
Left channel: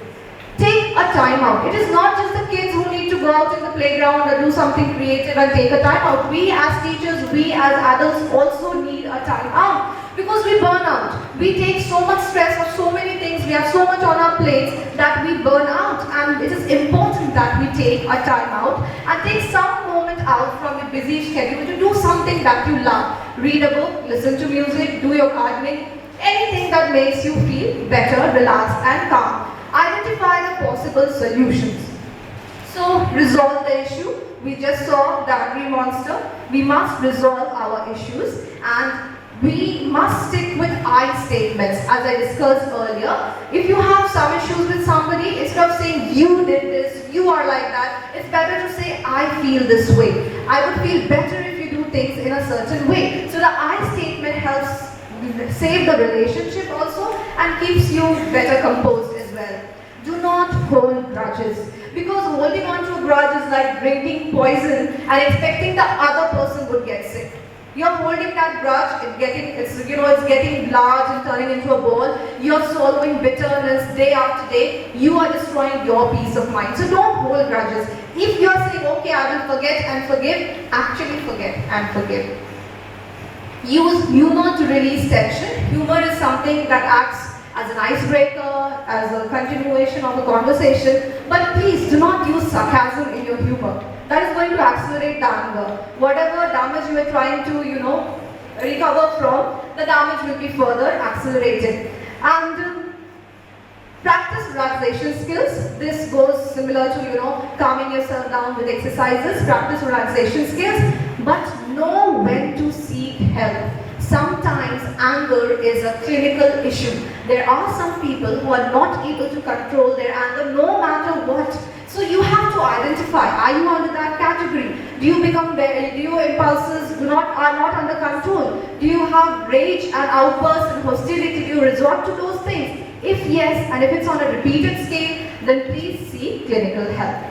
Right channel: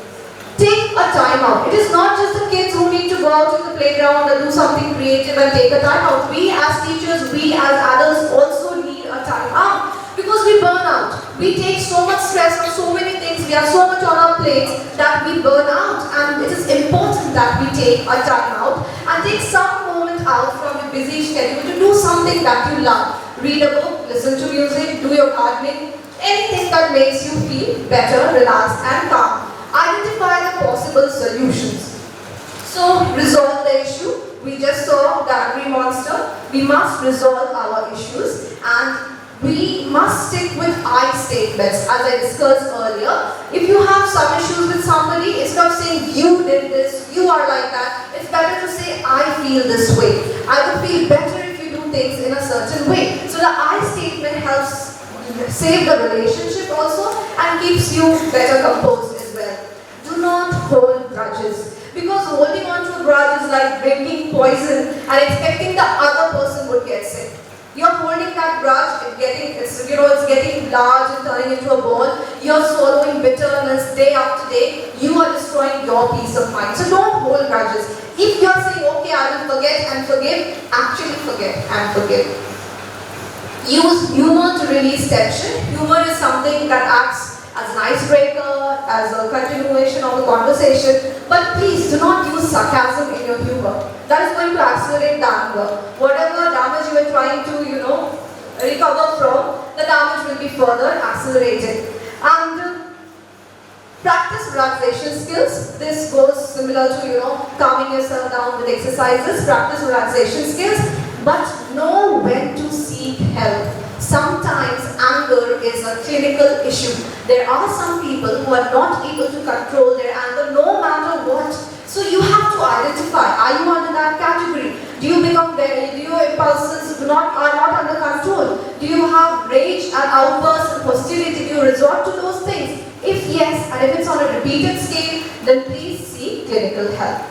Take a time out. It is not just the kids who need to go out in the playground and do something creative and take a time out. We as teachers, we as adults also need a time out because we burn out. We take so much stress on so many things. We have so much on our plates that we burn out, and it is important that we take a time out and take some moment out from your busy schedule to do something that you love. Read a book, listen to music, do your gardening, anything that makes you feel better, relaxed and calm. Identify the possible solutions. So, resolve the issue. We just saw the angry monster. We must resolve our issues and we must stick with I statements as I discussed earlier. If you have some issues with somebody, instead of saying you did this, you are like that, it's better to say I feel this way. I would feel better if you do things in a certain way. So the I statement helps save the relationship also and keeps you better composed as well. Do not hold grudges, because holding on to a grudge is like drinking poison and expecting the other person would get sick. You're holding that grudge, it's getting large and turning into a ball. You're swallowing bitterness day after day. You are destroying your peace of mind. So don't hold grudges. If you're saying, okay, I will forget and forgive, actually forget and forgive. Use humor to release tension. Humor is something that acts as an icebreaker, as a continuation of a conversation. But please do not use sarcasm in your humor. That is going to accelerate the anger. Whatever damage you are trying to, recover from, the damage will be further accelerated. And practice relaxation skills. This goes similar to, calming yourself down with exercises. Practice relaxation skills, but know when to seek help. Sometimes anger is a clinical issue. There are some people who are not able to control their anger no matter what. So you have to identify, are you under that category? Do your impulses are not under control? Do you have rage and outbursts and hostility? Do you resort to those things? If yes, and if it's on a repeated scale, then please seek clinical help.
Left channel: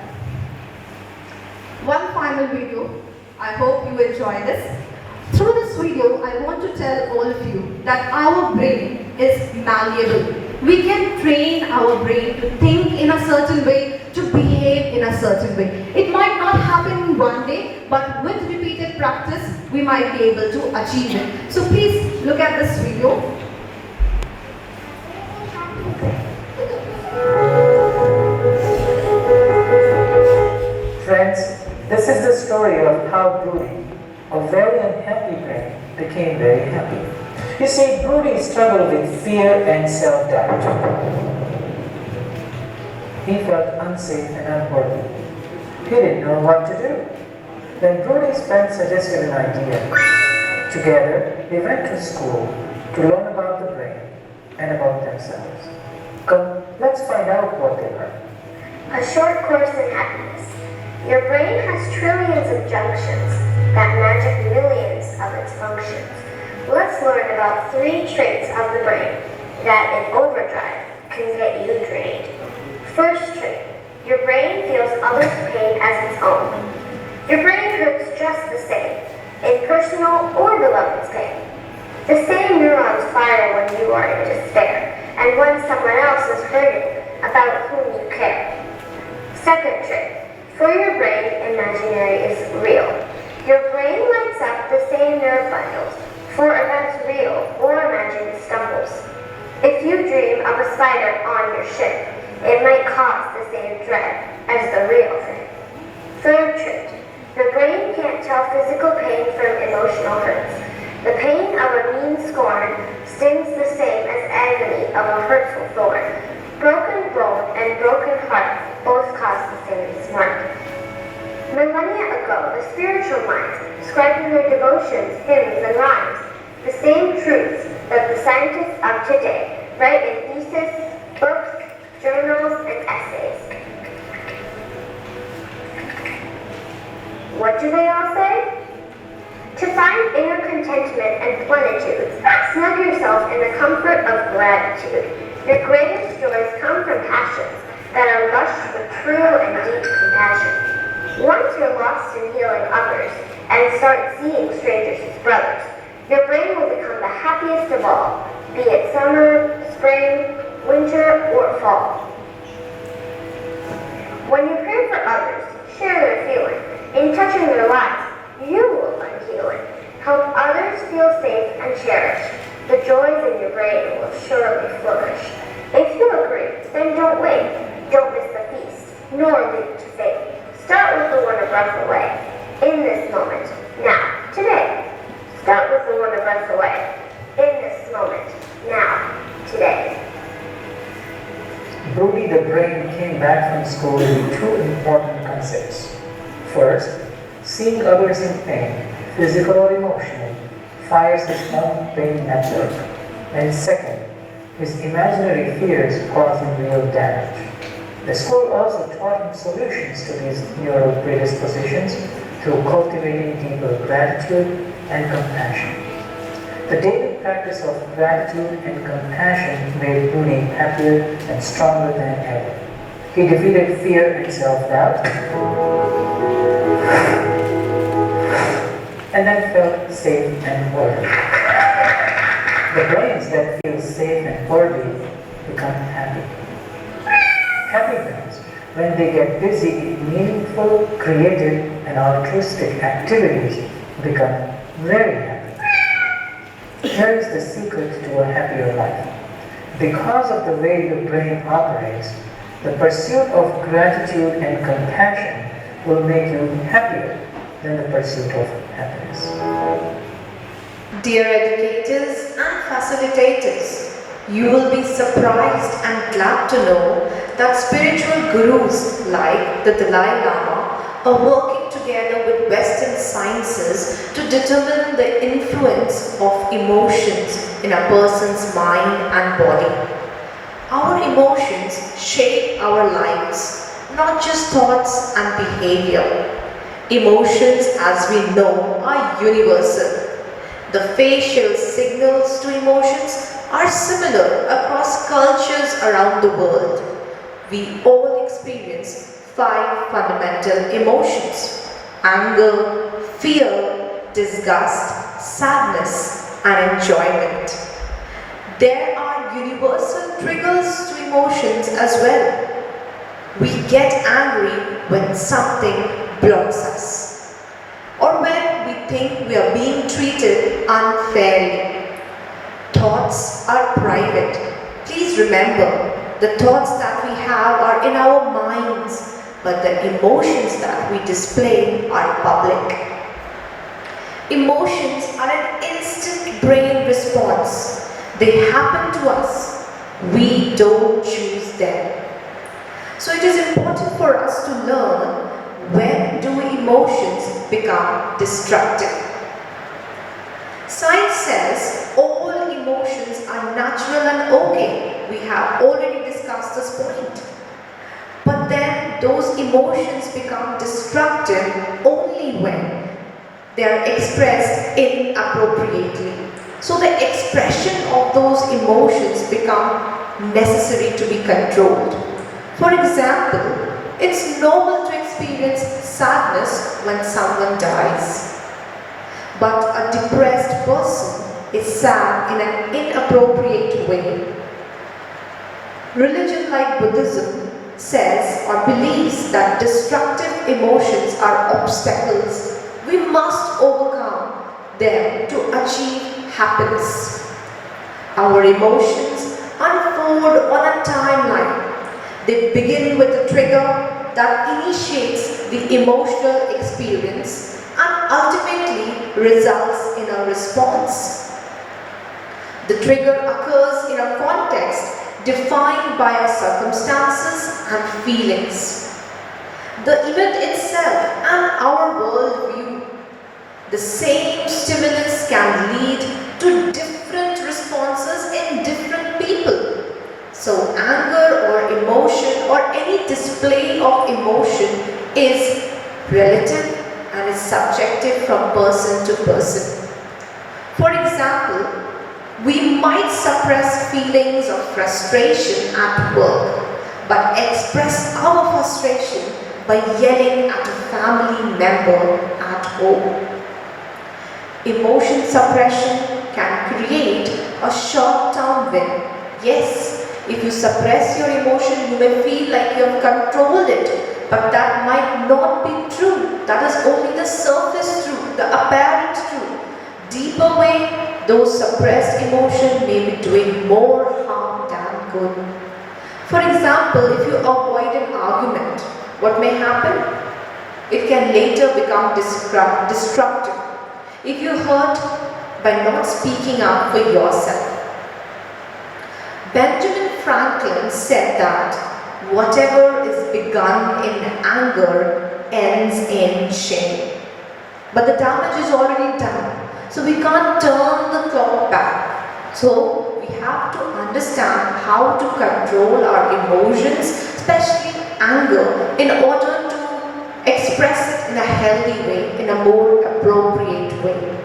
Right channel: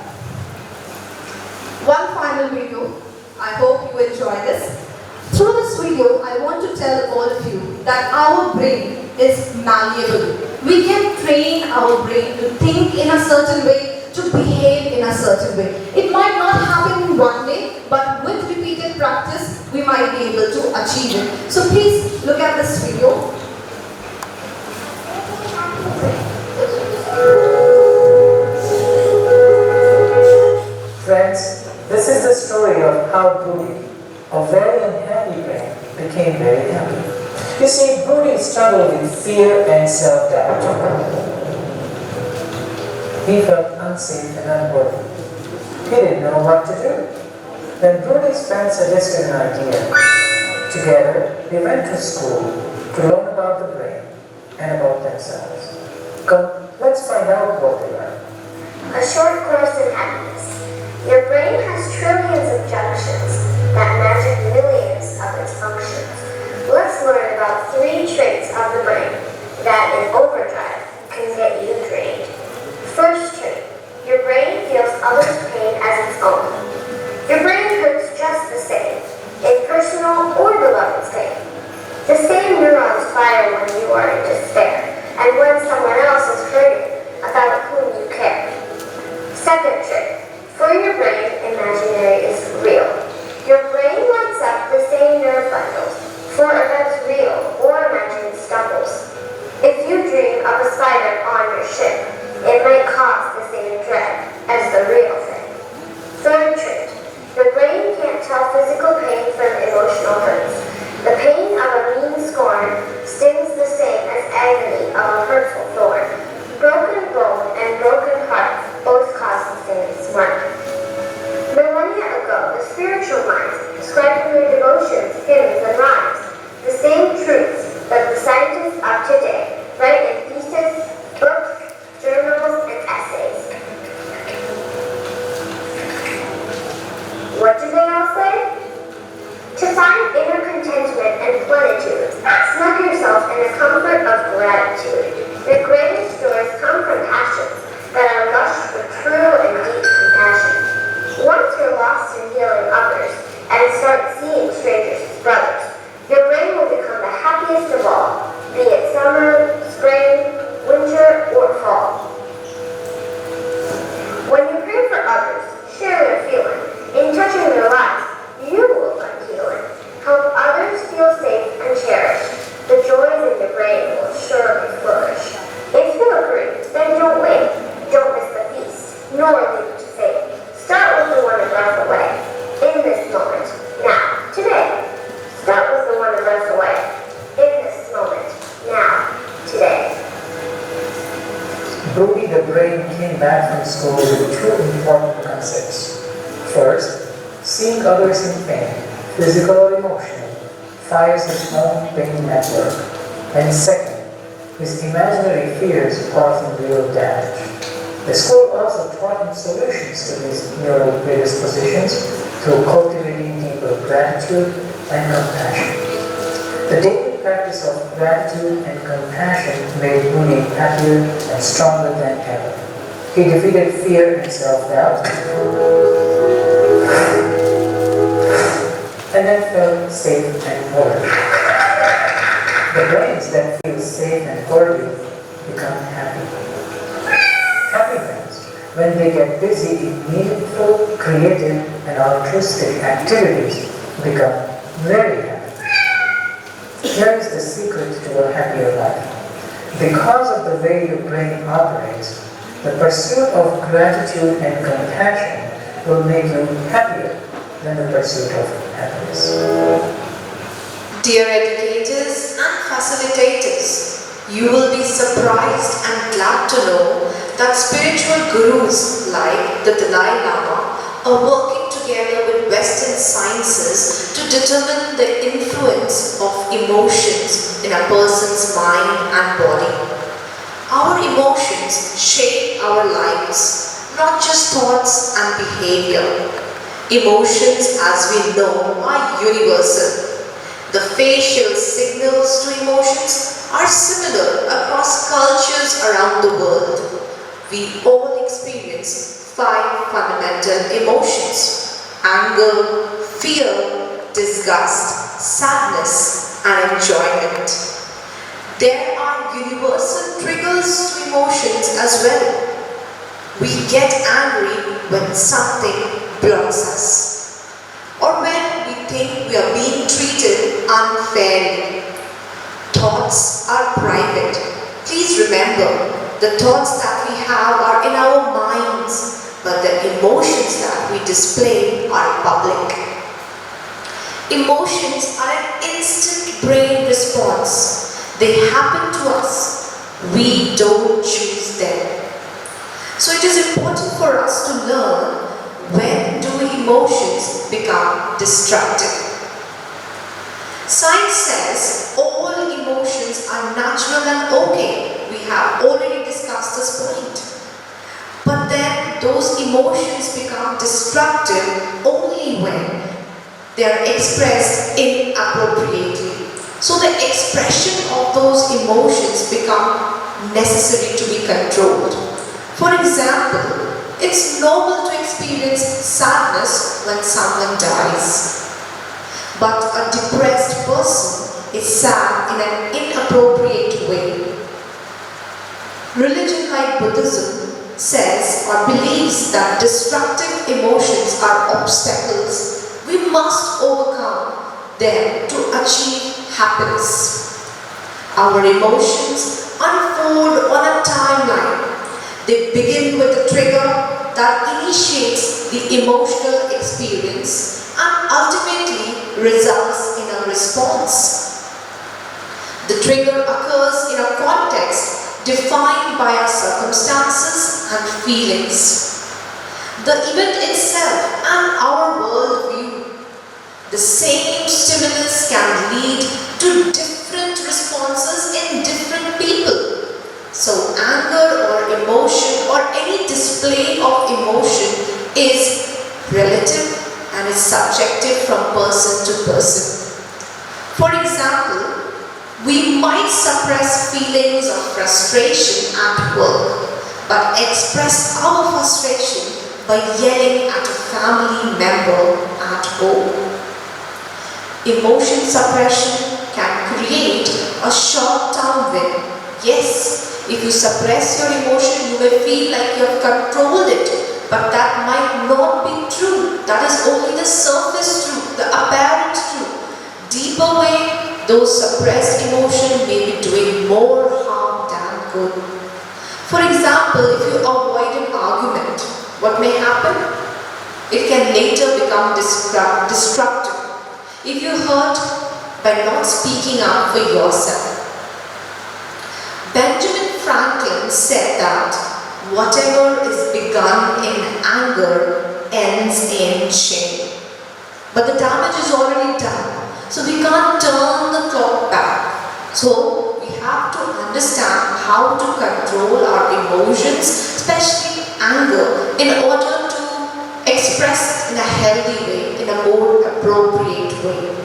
One final video. I hope you enjoy this. Through this video, I want to tell all of you that our brain is malleable. We can train our brain to think in a certain way, to behave in a certain way. It might not happen in one day, but with repeated practice, we might be able to achieve it. So please look at this video. Friends, this is the story of how Broody, a very unhappy brain, became very happy. You see, Broody struggled with fear and self-doubt. He felt unsafe and unworthy. He didn't know what to do. Then Broody's friend suggested an idea. Together, they went to school to learn about the brain and about themselves. Come, let's find out what they learned. A short course in happiness. Your brain has trillions of junctions that magic millions of its functions. Let's learn about 3 traits of the brain that in overdrive can get you drained. First trait, your brain feels others' pain as its own. Your brain hurts just the same, in personal or beloved's pain. The same neurons fire when you are in despair, and when someone else is hurting about whom you care. Second trait, for your brain, imaginary is real. Your brain lights up the same nerve bundles for events real or imagined stumbles. If you dream of a spider on your shin, it might cause the same dread as the real thing. Third trait, the brain can't tell physical pain from emotional hurts. The pain of a mean scorn stings the same as agony of a hurtful thorn. Broken bone and broken heart both cause the same smart. Millennia ago, the spiritual minds described in their devotions, hymns, and rhymes the same truths that the scientists of today write in Brody the brain came back from school with two important concepts. First, seeing others in pain, physical or emotional, fires his own pain network. And second, his imaginary fears causing real damage. The school also taught him solutions to these neural predispositions through cultivating deeper gratitude and compassion. The daily practice of gratitude and compassion made Noori happier and stronger than ever. He defeated fear and self-doubt, and then felt safe and worthy. The brains that feel safe and worthy become happy. Happy brains, when they get busy in meaningful, creative, and altruistic activities, become very happy. Here is the secret to a happier life. Because of the way the brain operates, the pursuit of gratitude and compassion will make you happier than the pursuit of happiness. Dear educators and facilitators, you will be surprised and glad to know that spiritual gurus like the Dalai Lama are working together with Western sciences to determine the influence of emotions in a person's mind and body. Our emotions shape our lives, not just thoughts and behavior. Emotions, as we know, are universal. The facial signals to emotions are similar across cultures around the world. We all experience 5 fundamental emotions: anger, fear, disgust, sadness, and enjoyment. There are universal triggers to emotions as well. We get angry when something blocks us, or when we think we are being treated unfairly. Thoughts are private. Please remember, the thoughts that we have are in our minds, but the emotions that we display are public. Emotions are an instant brain response. They happen to us. We don't choose them. So it is important for us to learn, when do emotions become destructive? Science says all emotions are natural and okay. We have already discussed this point. But then those emotions become destructive only when they are expressed inappropriately. So the expression of those emotions become necessary to be controlled. For example, it's normal to experience sadness when someone dies. But a depressed person is sad in an inappropriate way. Religion like Buddhism says or believes that destructive emotions are obstacles. We must overcome them to achieve happiness. Our emotions unfold on a timeline. They begin with a trigger that initiates the emotional experience and ultimately results in a response. The trigger occurs in a context defined by our circumstances and feelings. The event itself and our worldview. The same stimulus can lead to different responses in different people. So anger or emotion or any display of emotion is relative and is subjective from person to person. For example, we might suppress feelings of frustration at work, but express our frustration by yelling at a family member at home. Emotion suppression can create a short-term win. Yes, if you suppress your emotion, you may feel like you have controlled it, but that might not be true. That is only the surface truth, the apparent truth. Deeper way, those suppressed emotions may be doing more harm than good. For example, if you avoid an argument, what may happen? It can later become destructive. If you hurt by not speaking up for yourself. Benjamin Franklin said that whatever is begun in anger ends in shame. But the damage is already done. So we can't turn the clock back. So we have to understand how to control our emotions, especially anger, in order to express it in a healthy way, in a more appropriate way.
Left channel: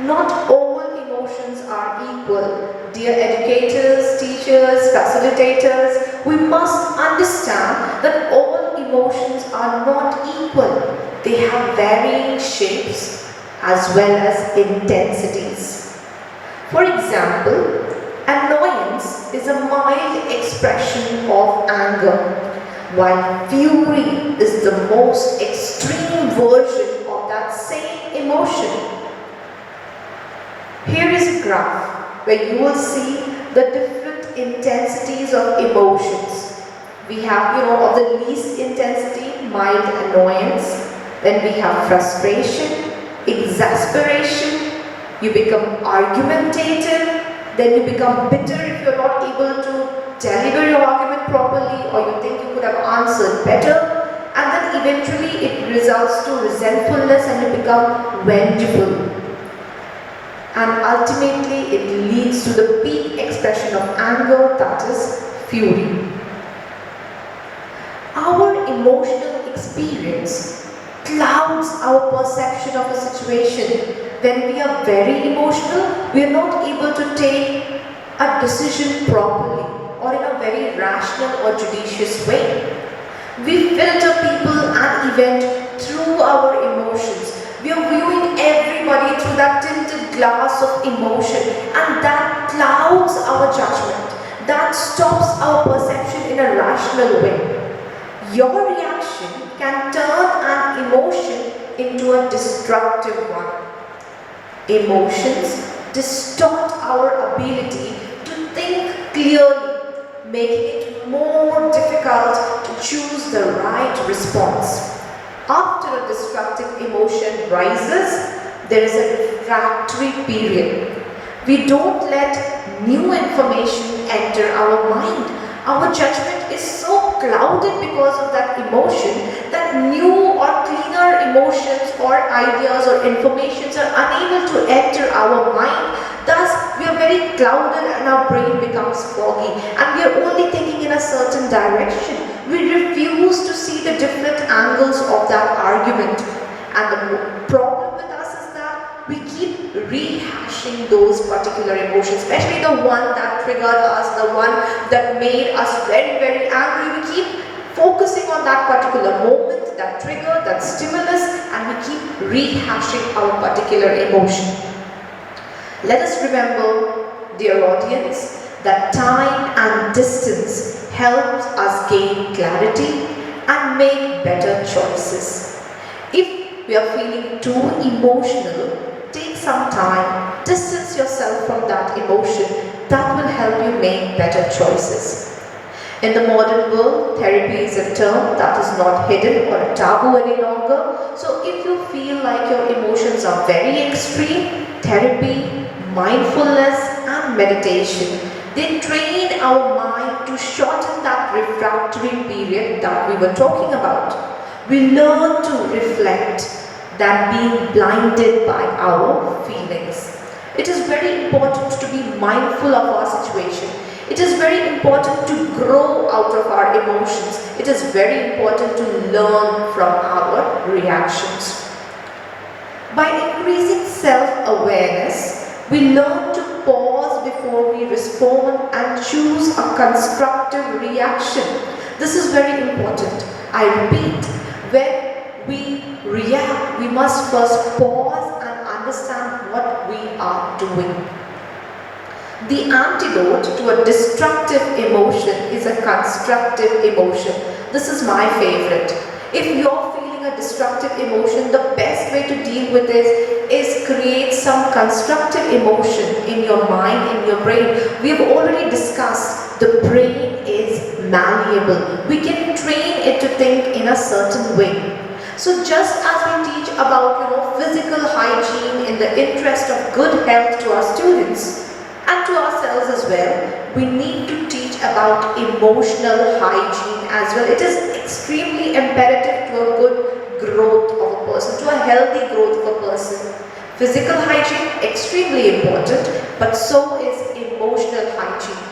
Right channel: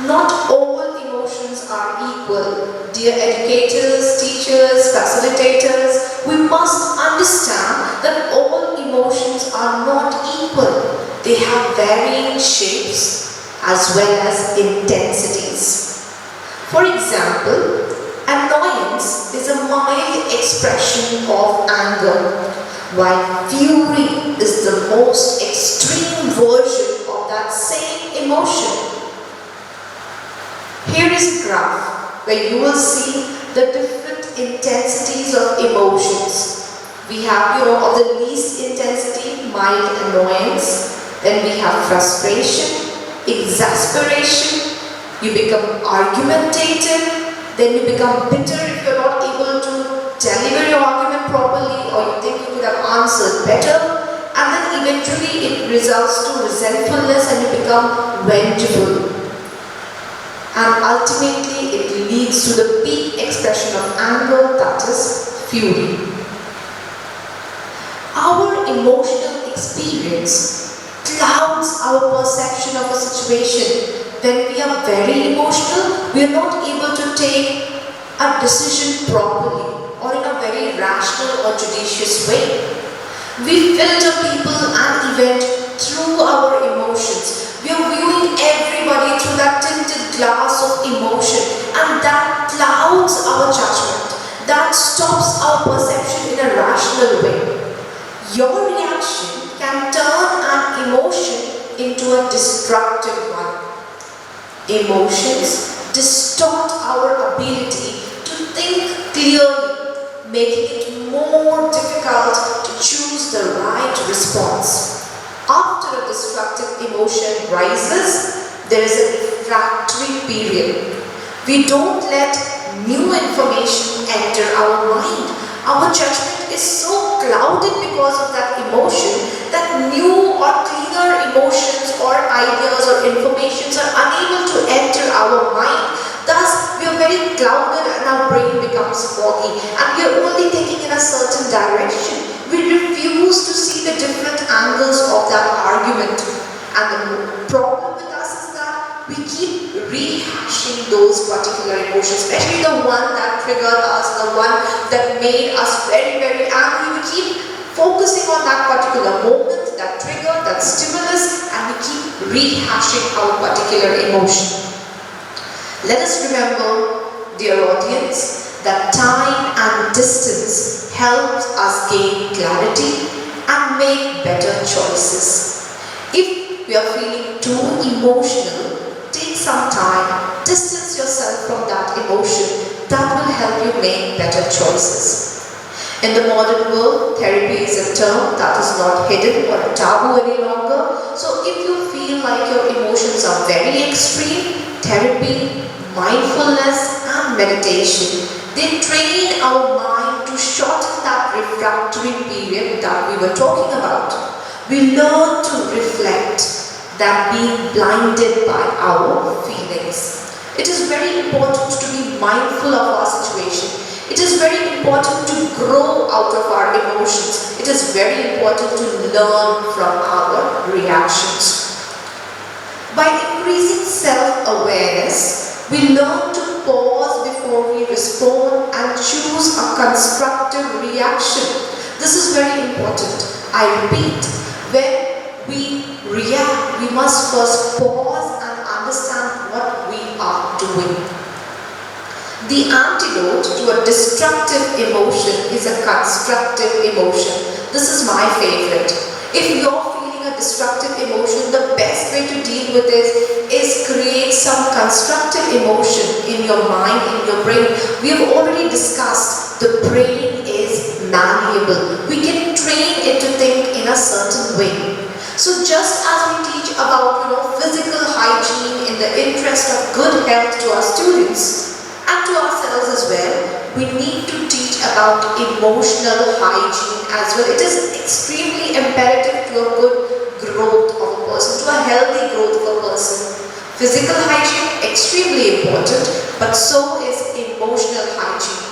Not all emotions are equal. Dear educators, teachers, facilitators, we must understand that all emotions are not equal. They have varying shapes as well as intensities. For example, annoyance is a mild expression of anger, while fury is the most extreme version of that same emotion. Here is a graph where you will see the different intensities of emotions. We have, of the least intensity, mild annoyance. Then we have frustration, exasperation. You become argumentative. Then you become bitter if you're not able to deliver your argument properly, or you think you could have answered better. And then eventually it results to resentfulness and you become vengeful. And ultimately it leads to the peak expression of anger, that is fury. Our emotional experience clouds our perception of a situation. When we are very emotional, we are not able to take a decision properly or in a very rational or judicious way. We filter people and event through our emotions. We are viewing everybody through that tinted glass of emotion, and that clouds our judgment. That stops our perception in a rational way. Your reaction can turn an emotion into a destructive one. Emotions distort our ability to think clearly, making it more difficult to choose the right response. After a destructive emotion rises, there is a refractory period. We don't let new information enter our mind. Our judgment is so clouded because of that emotion that new or cleaner emotions or ideas or informations are unable to enter our mind. Thus, we are very clouded and our brain becomes foggy and we are only thinking in a certain direction. We refuse to see the different angles of that argument. And the problem with us is that we keep rehashing those particular emotions, especially the one that triggered us, the one that made us very, very angry. We keep focusing on that particular moment, that trigger, that stimulus, and we keep rehashing our particular emotion. Let us remember, dear audience, that time and distance helps us gain clarity and make better choices. If we are feeling too emotional, take some time, distance yourself from that emotion. That will help you make better choices. In the modern world, therapy is a term that is not hidden or a taboo any longer. So if you feel like your emotions are very extreme, therapy, mindfulness and meditation, they train our mind to shorten that refractory period that we were talking about. We learn to reflect than being blinded by our feelings. It is very important to be mindful of our situation. It is very important to grow out of our emotions. It is very important to learn from our reactions. By increasing self-awareness, we learn to pause before we respond and choose a constructive reaction. This is very important. I repeat, when we react, we must first pause and understand what we are doing. The antidote to a destructive emotion is a constructive emotion. This is my favorite. If you're feeling a destructive emotion, the best way to deal with it is create some constructive emotion in your mind, in your brain. We have already discussed the brain is malleable. We can train it to think in a certain way. So just as we teach about physical hygiene in the interest of good health to our students, And to ourselves as well, we need to teach about emotional hygiene as well. It is extremely imperative to a good growth of a person, to a healthy growth of a person. Physical hygiene, extremely important, but so is emotional hygiene.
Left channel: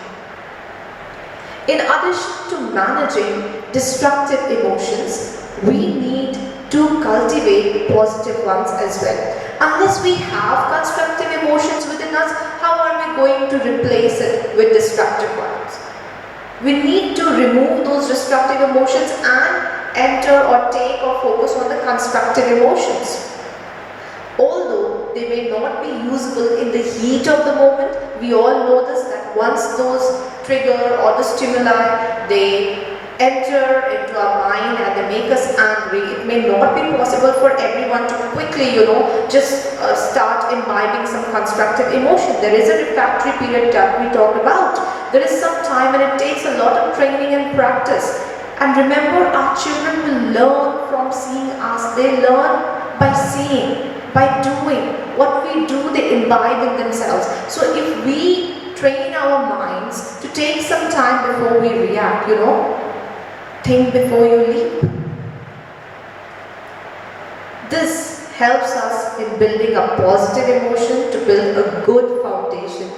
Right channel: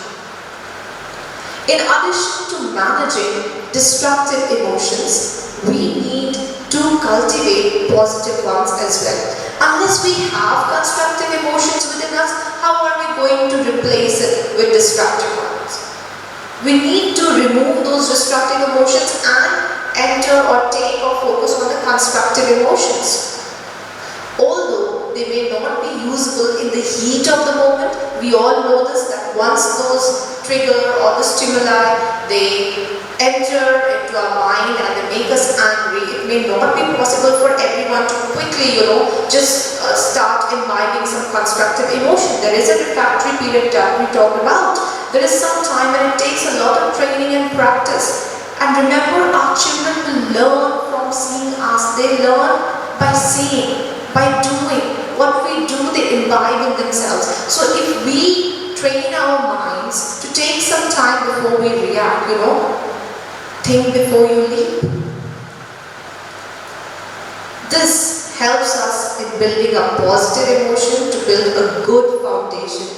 In addition to managing destructive emotions, we need to cultivate positive ones as well. Unless we have constructive emotions within us, how are we going to replace it with destructive ones? We need to remove those destructive emotions and enter or take or focus on the constructive emotions. Although they may not be usable in the heat of the moment, we all know this, that once those trigger or the stimuli, they enter into our mind and they make us angry. It may not be possible for everyone to quickly, just start imbibing some constructive emotion. There is a refractory period that we talked about. There is some time and it takes a lot of training and practice. And remember, our children will learn from seeing us. They learn by seeing, by doing. What we do, they imbibe in themselves. So if we train our minds to take some time before we react, think before you leap. This helps us in building a positive emotion, to build a good foundation.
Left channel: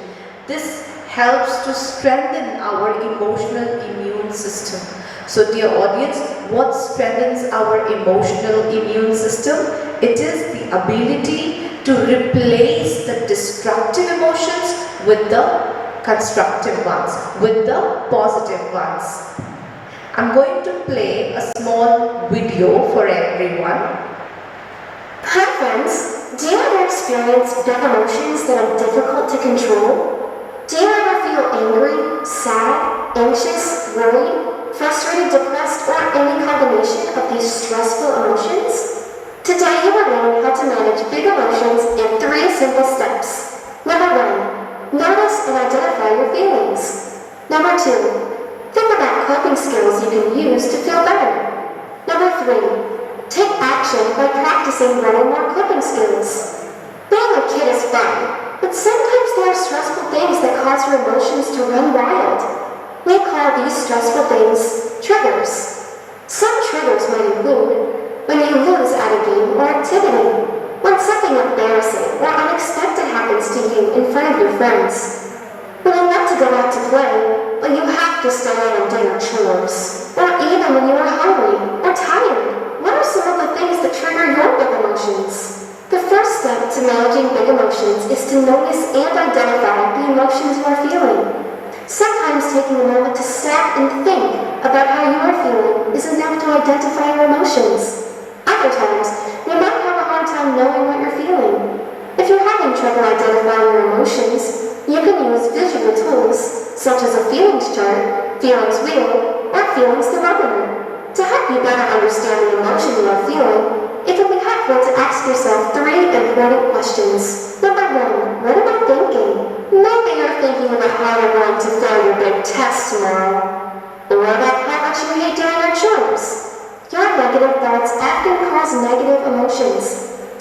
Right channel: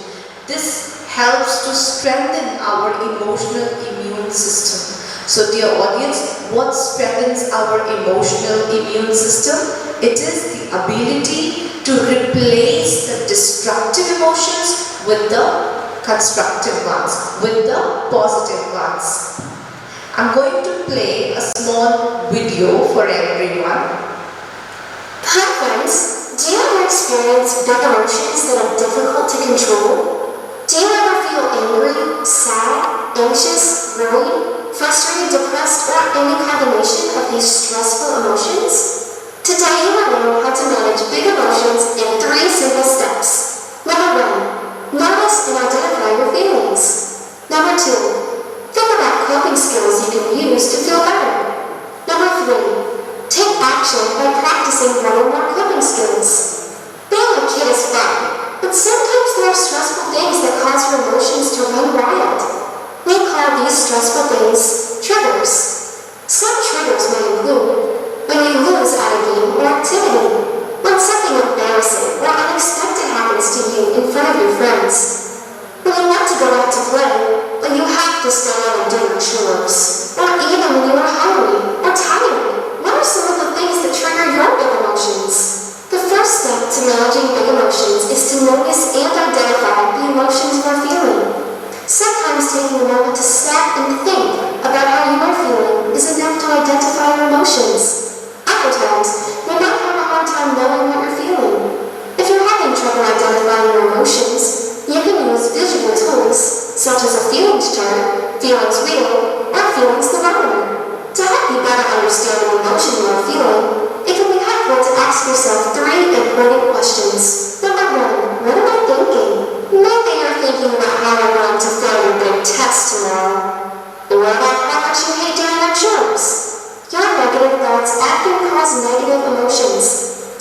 This helps to strengthen our emotional immune system. So dear audience, what strengthens our emotional immune system? It is the ability to replace the destructive emotions with the constructive ones, with the positive ones. I'm going to play a small video for everyone. Hi friends, do you ever experience big emotions that are difficult to control? Do you ever feel angry, sad, anxious, worried, frustrated, depressed, or any combination of these stressful emotions? Today you will learn how to manage big emotions in 3 simple steps. Number 1, notice and identify your feelings. Number 2, think about coping skills you can use to feel better. Number 3, take action by practicing 1 or more coping skills. Being a kid is fun, but sometimes there are stressful things that cause your emotions to run wild. We call these stressful things triggers. Some triggers may include when you lose at a game or activity, when something embarrassing or unexpected happens to you in front of your friends, when you want to go out to play, but you have to stay in and do your chores, or even when you are hungry or tired. What are some of the things that trigger your big emotions? The first step to managing big emotions is to notice and identify the emotions you are feeling. Sometimes taking a moment to stop and think about how you are feeling is enough to identify your emotions. Other times, you might have a hard time knowing what you're feeling. If you're having trouble identifying your emotions, you can use visual tools such as a feelings chart, feelings wheel, or feelings thermometer. To help you better understand the emotion you are feeling, it can be helpful to ask yourself 3 important questions. Number 1, what am I thinking? Maybe you're thinking about how you're going to fail your big test tomorrow, or about how much you hate doing your chores. Your negative thoughts often cause negative emotions,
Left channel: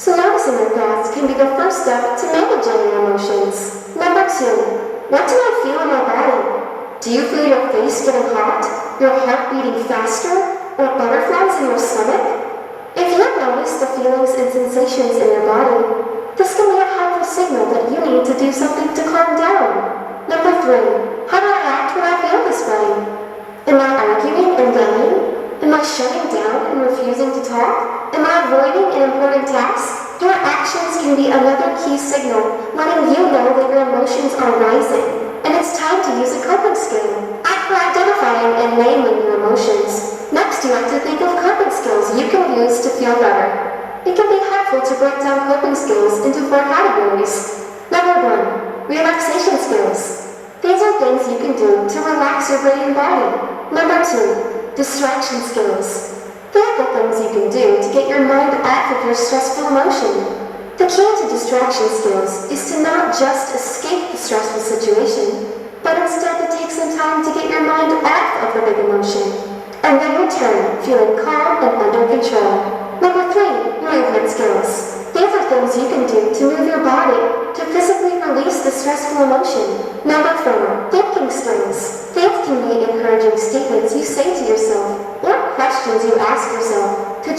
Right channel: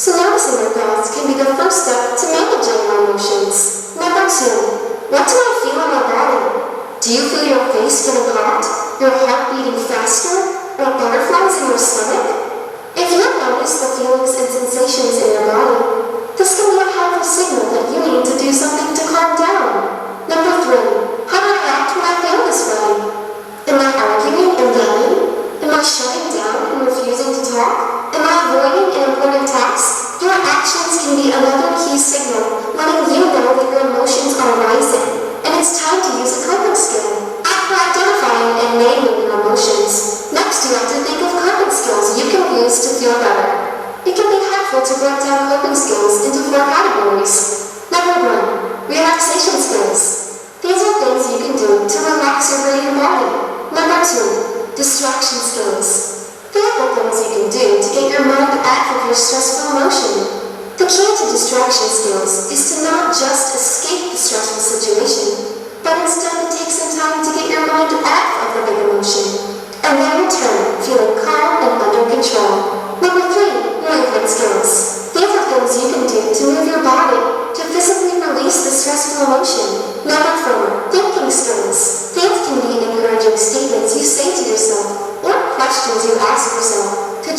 so noticing your thoughts can be the first step to managing your emotions. Number 2, what do I feel in my body? Do you feel your face getting hot, your heart beating faster, or butterflies in your stomach? If you notice the feelings and sensations in your body, this can be a helpful signal that you need to do something to calm down. Number 3, how do I act when I feel this way? Am I arguing and yelling? Am I shutting down and refusing to talk? Am I avoiding an important task? Your actions can be another key signal, letting you know that your emotions are rising, and it's time to use a coping skill. After identifying and naming your emotions, next you have to think of coping skills you can use to feel better. It can be helpful to break down coping skills into 4 categories. Number 1, relaxation skills. These are things you can do to relax your brain and body. Number 2, distraction skills. Think of things you can do to get your mind off of your stressful emotion. The key to distraction skills is to not just escape the stressful situation, but instead to take some time to get your mind off of the big emotion, and then return feeling calm and under control. Number 3, movement skills. These are things you can do to move your body to physically release the stressful emotion.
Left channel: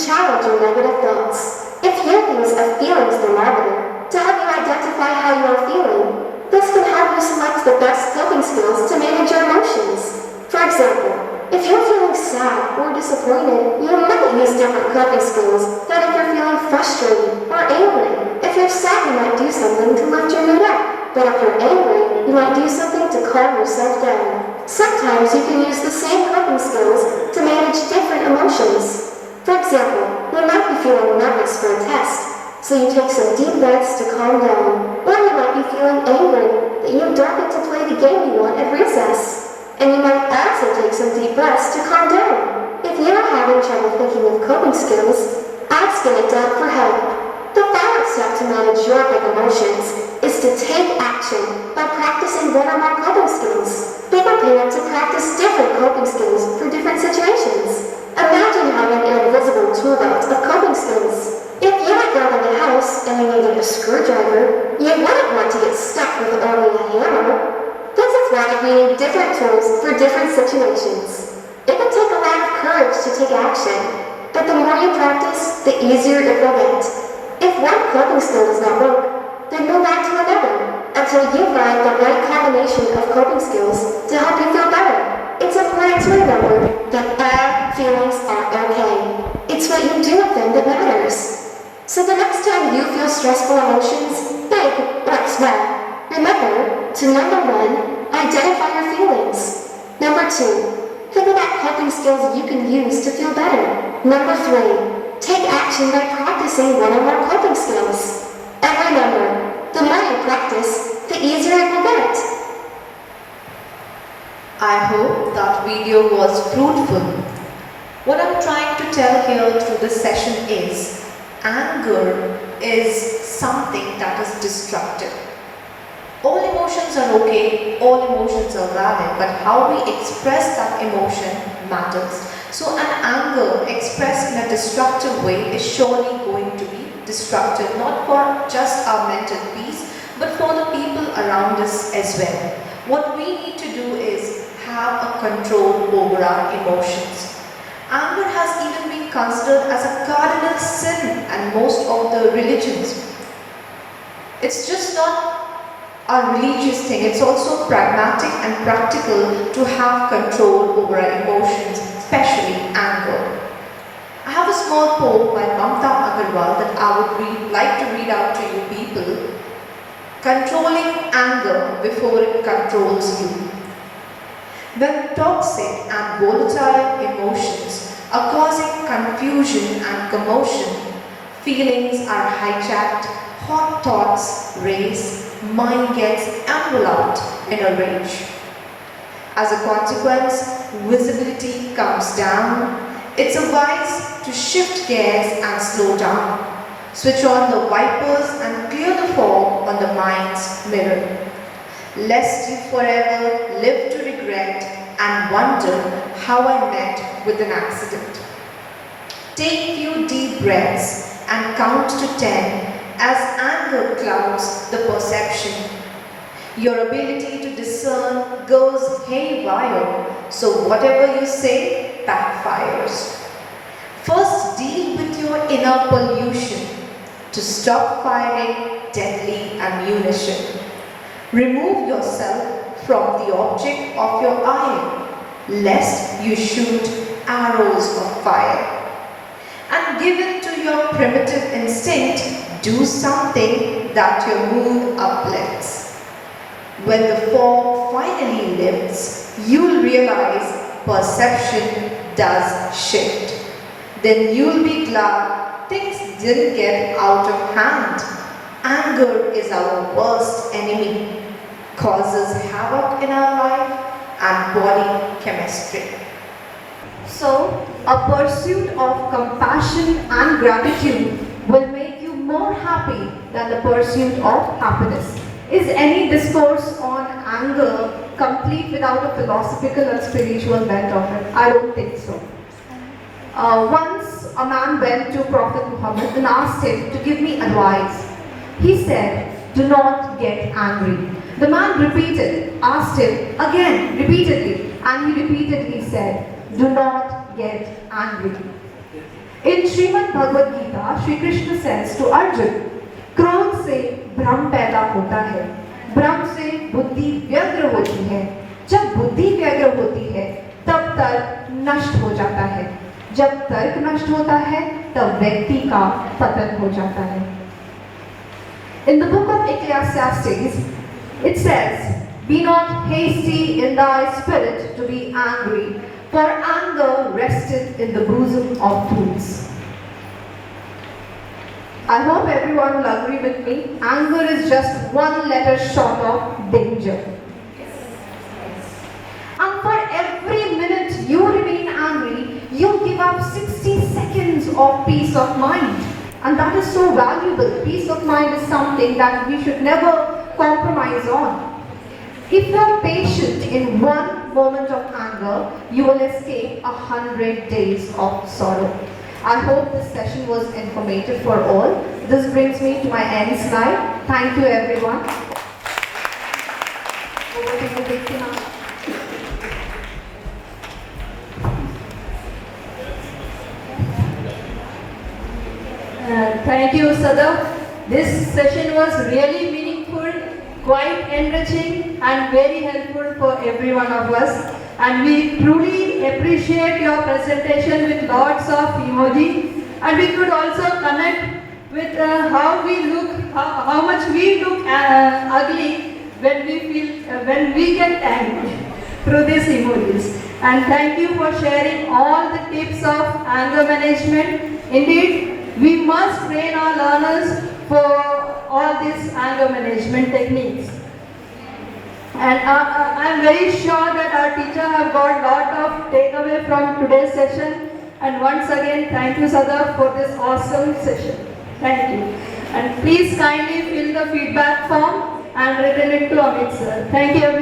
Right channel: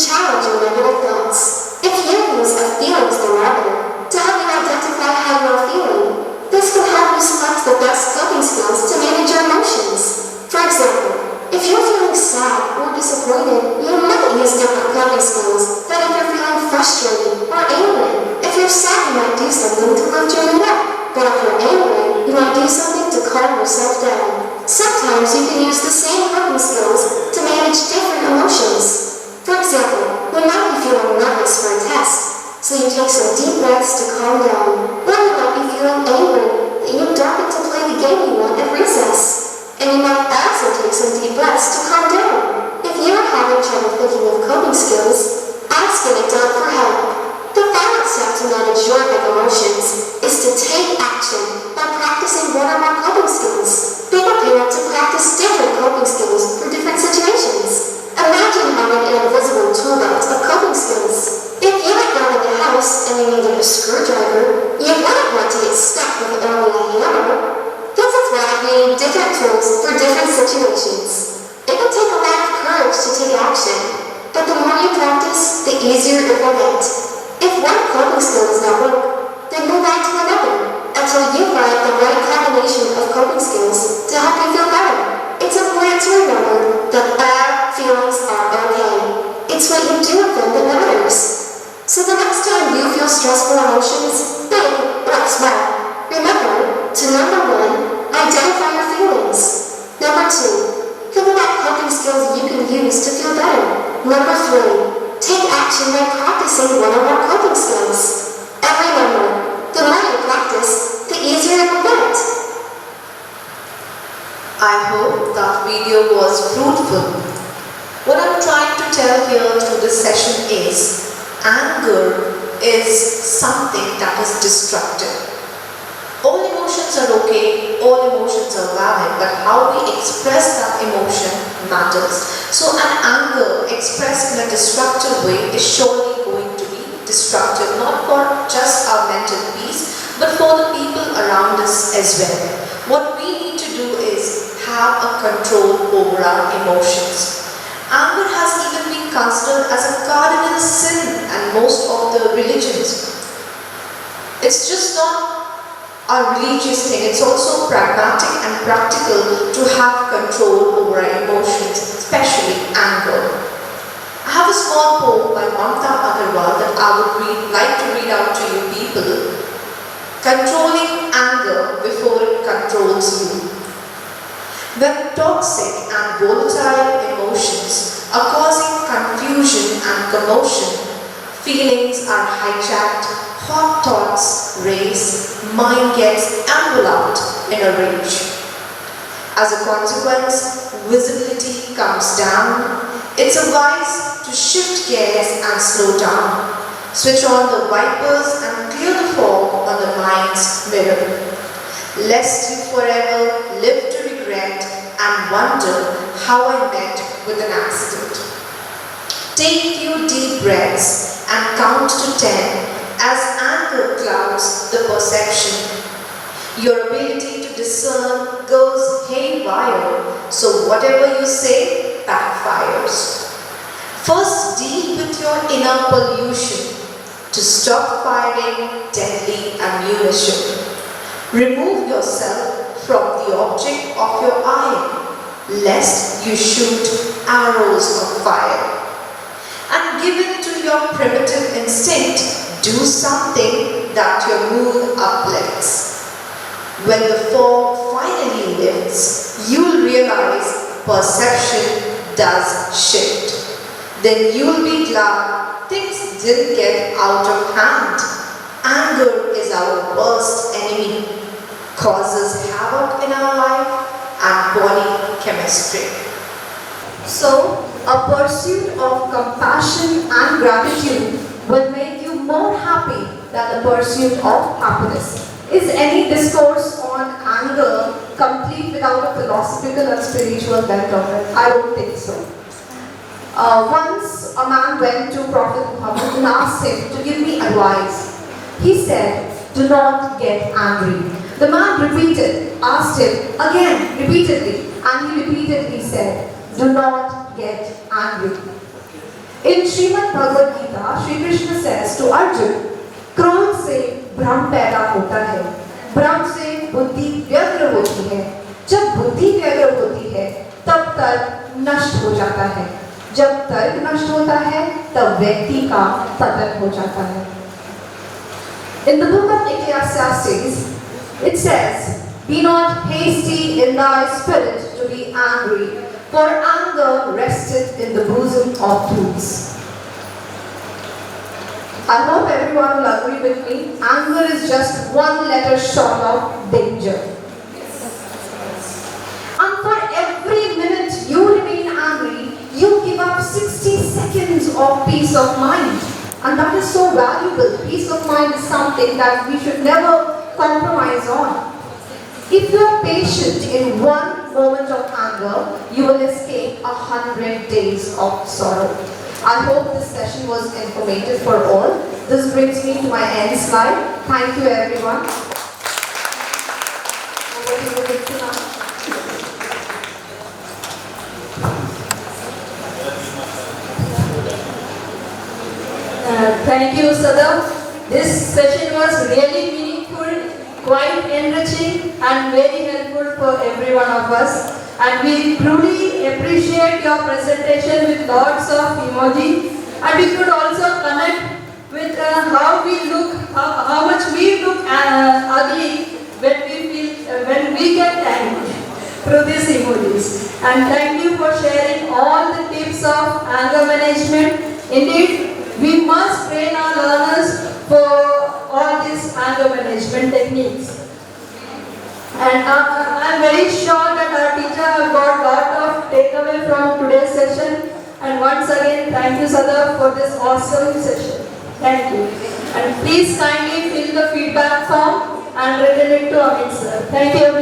challenge your negative thoughts. If you use a feelings thermometer to help you identify how you are feeling, this can help you select the best coping skills to manage your emotions. For example, if you're feeling sad or disappointed, you might use different coping skills than if you're feeling frustrated or angry. If you're sad, you might do something to lift your mood up. But if you're angry, you might do something to calm yourself down. Sometimes you can use the same coping skills to manage different emotions. For example, you might be feeling nervous for a test, so you take some deep breaths to calm down. Or you might be feeling angry that you don't get to play the game you want at recess. And you might also take some deep breaths to calm down. If you are having trouble thinking of coping skills, ask an adult for help. The final step to manage your big emotions is to take action by practicing one or more coping skills. Be prepared to practice different coping skills for different situations. Imagine having an invisible tool belt of coping skills. If you were building a house and you needed a screwdriver, you wouldn't want to get stuck with only a hammer. This is why we need different tools for different situations. It can take a lot of courage to take action, but the more you practice, the easier it will get. If one coping skill does not work, then move on to another until you find the right combination of coping skills to help you feel better. It's important to remember that all feelings are okay. It's what you do with them that matters. So the next time you feel stressful emotions, big or small, remember to number 1, identify your feelings. Number 2, think about coping skills you can use to feel better. Number 3, take action by practicing one or more coping skills. And remember, the more you practice, the easier it will get. I hope that video was fruitful. What I'm trying to tell here through this session is, anger is something that is destructive. All emotions are okay, all emotions are valid, but how we express that emotion matters. So an anger expressed in a destructive way is surely going to be destructive, not for just our mental peace, but for the people around us as well. What we need to do is have a control over our emotions. Anger has even been considered as a cardinal sin in most of the religions. It's just not a religious thing, it's also pragmatic and practical to have control over our emotions, especially anger. I have a small poem by Mamta Agarwal that I would like to read out to you people. Controlling anger before it controls you. When toxic and volatile emotions are causing confusion and commotion, feelings are hijacked, hot thoughts race, mind gets enveloped in a rage. As a consequence, visibility comes down. It's advised to shift gears and slow down. Switch on the wipers and clear the fog on the mind's mirror. Lest you forever live to regret and wonder how I met with an accident. Take few deep breaths and count to 10 as anger clouds the perception. Your ability to discern goes haywire, so whatever you say backfires. First, deal with your inner pollution to stop firing deadly ammunition. Remove yourself from the object of your eye, lest you shoot arrows of fire. And given to your primitive instinct, do something that your mood uplifts. When the fog finally lifts, you'll realize perception does shift. Then you'll be glad things didn't get out of hand. Anger is our worst enemy, causes havoc in our life and body chemistry. So, a pursuit of compassion and gratitude will make you more happy than the pursuit of happiness. Is any discourse on anger complete without a philosophical and spiritual bent on it? I don't think so. Once a man went to Prophet Muhammad and asked him to give me advice. He said, "Do not get angry." The man asked him again, repeatedly, and he repeatedly said, "Do not get angry." In Srimad Bhagavad Gita, Shri Krishna says to Arjun, क्रोध से भ्रम पैदा होता है, भ्रम से बुद्धि व्यग्र होती है, जब बुद्धि व्यग्र होती है तब तर्क नष्ट हो जाता है, जब तर्क नष्ट होता है तब व्यक्ति का पतन हो जाता है. In the book of Ecclesiastes, it says, be not hasty in thy spirit to be angry, for anger resteth in the bosom of fools. I hope everyone will agree with me. Anger is just one letter short of danger. And for every minute you remain angry, you give up 60 seconds of peace of mind. And that is so valuable. Peace of mind is something that we should never compromise on. If you are patient in one moment of anger, you will escape 100 days of sorrow. I hope this session was informative for all. This brings me to my end slide. Thank you everyone. Over to you, Vikram. Thank you, Sadaf. This session was really meaningful, quite enriching and very helpful for every one of us. And we truly appreciate your presentation with lots of emoji. And we could also connect with how we look, how much we look ugly when we get angry through these emojis. And thank you for sharing all the tips of anger management. Indeed, we must train our learners for all these anger management techniques. And I am very sure that our teacher have got a lot of takeaway from today's session. And once again, thank you, Sadaf, for this awesome session. Thank you. And please kindly fill the feedback form and return it to Amit sir. Thank you, everyone.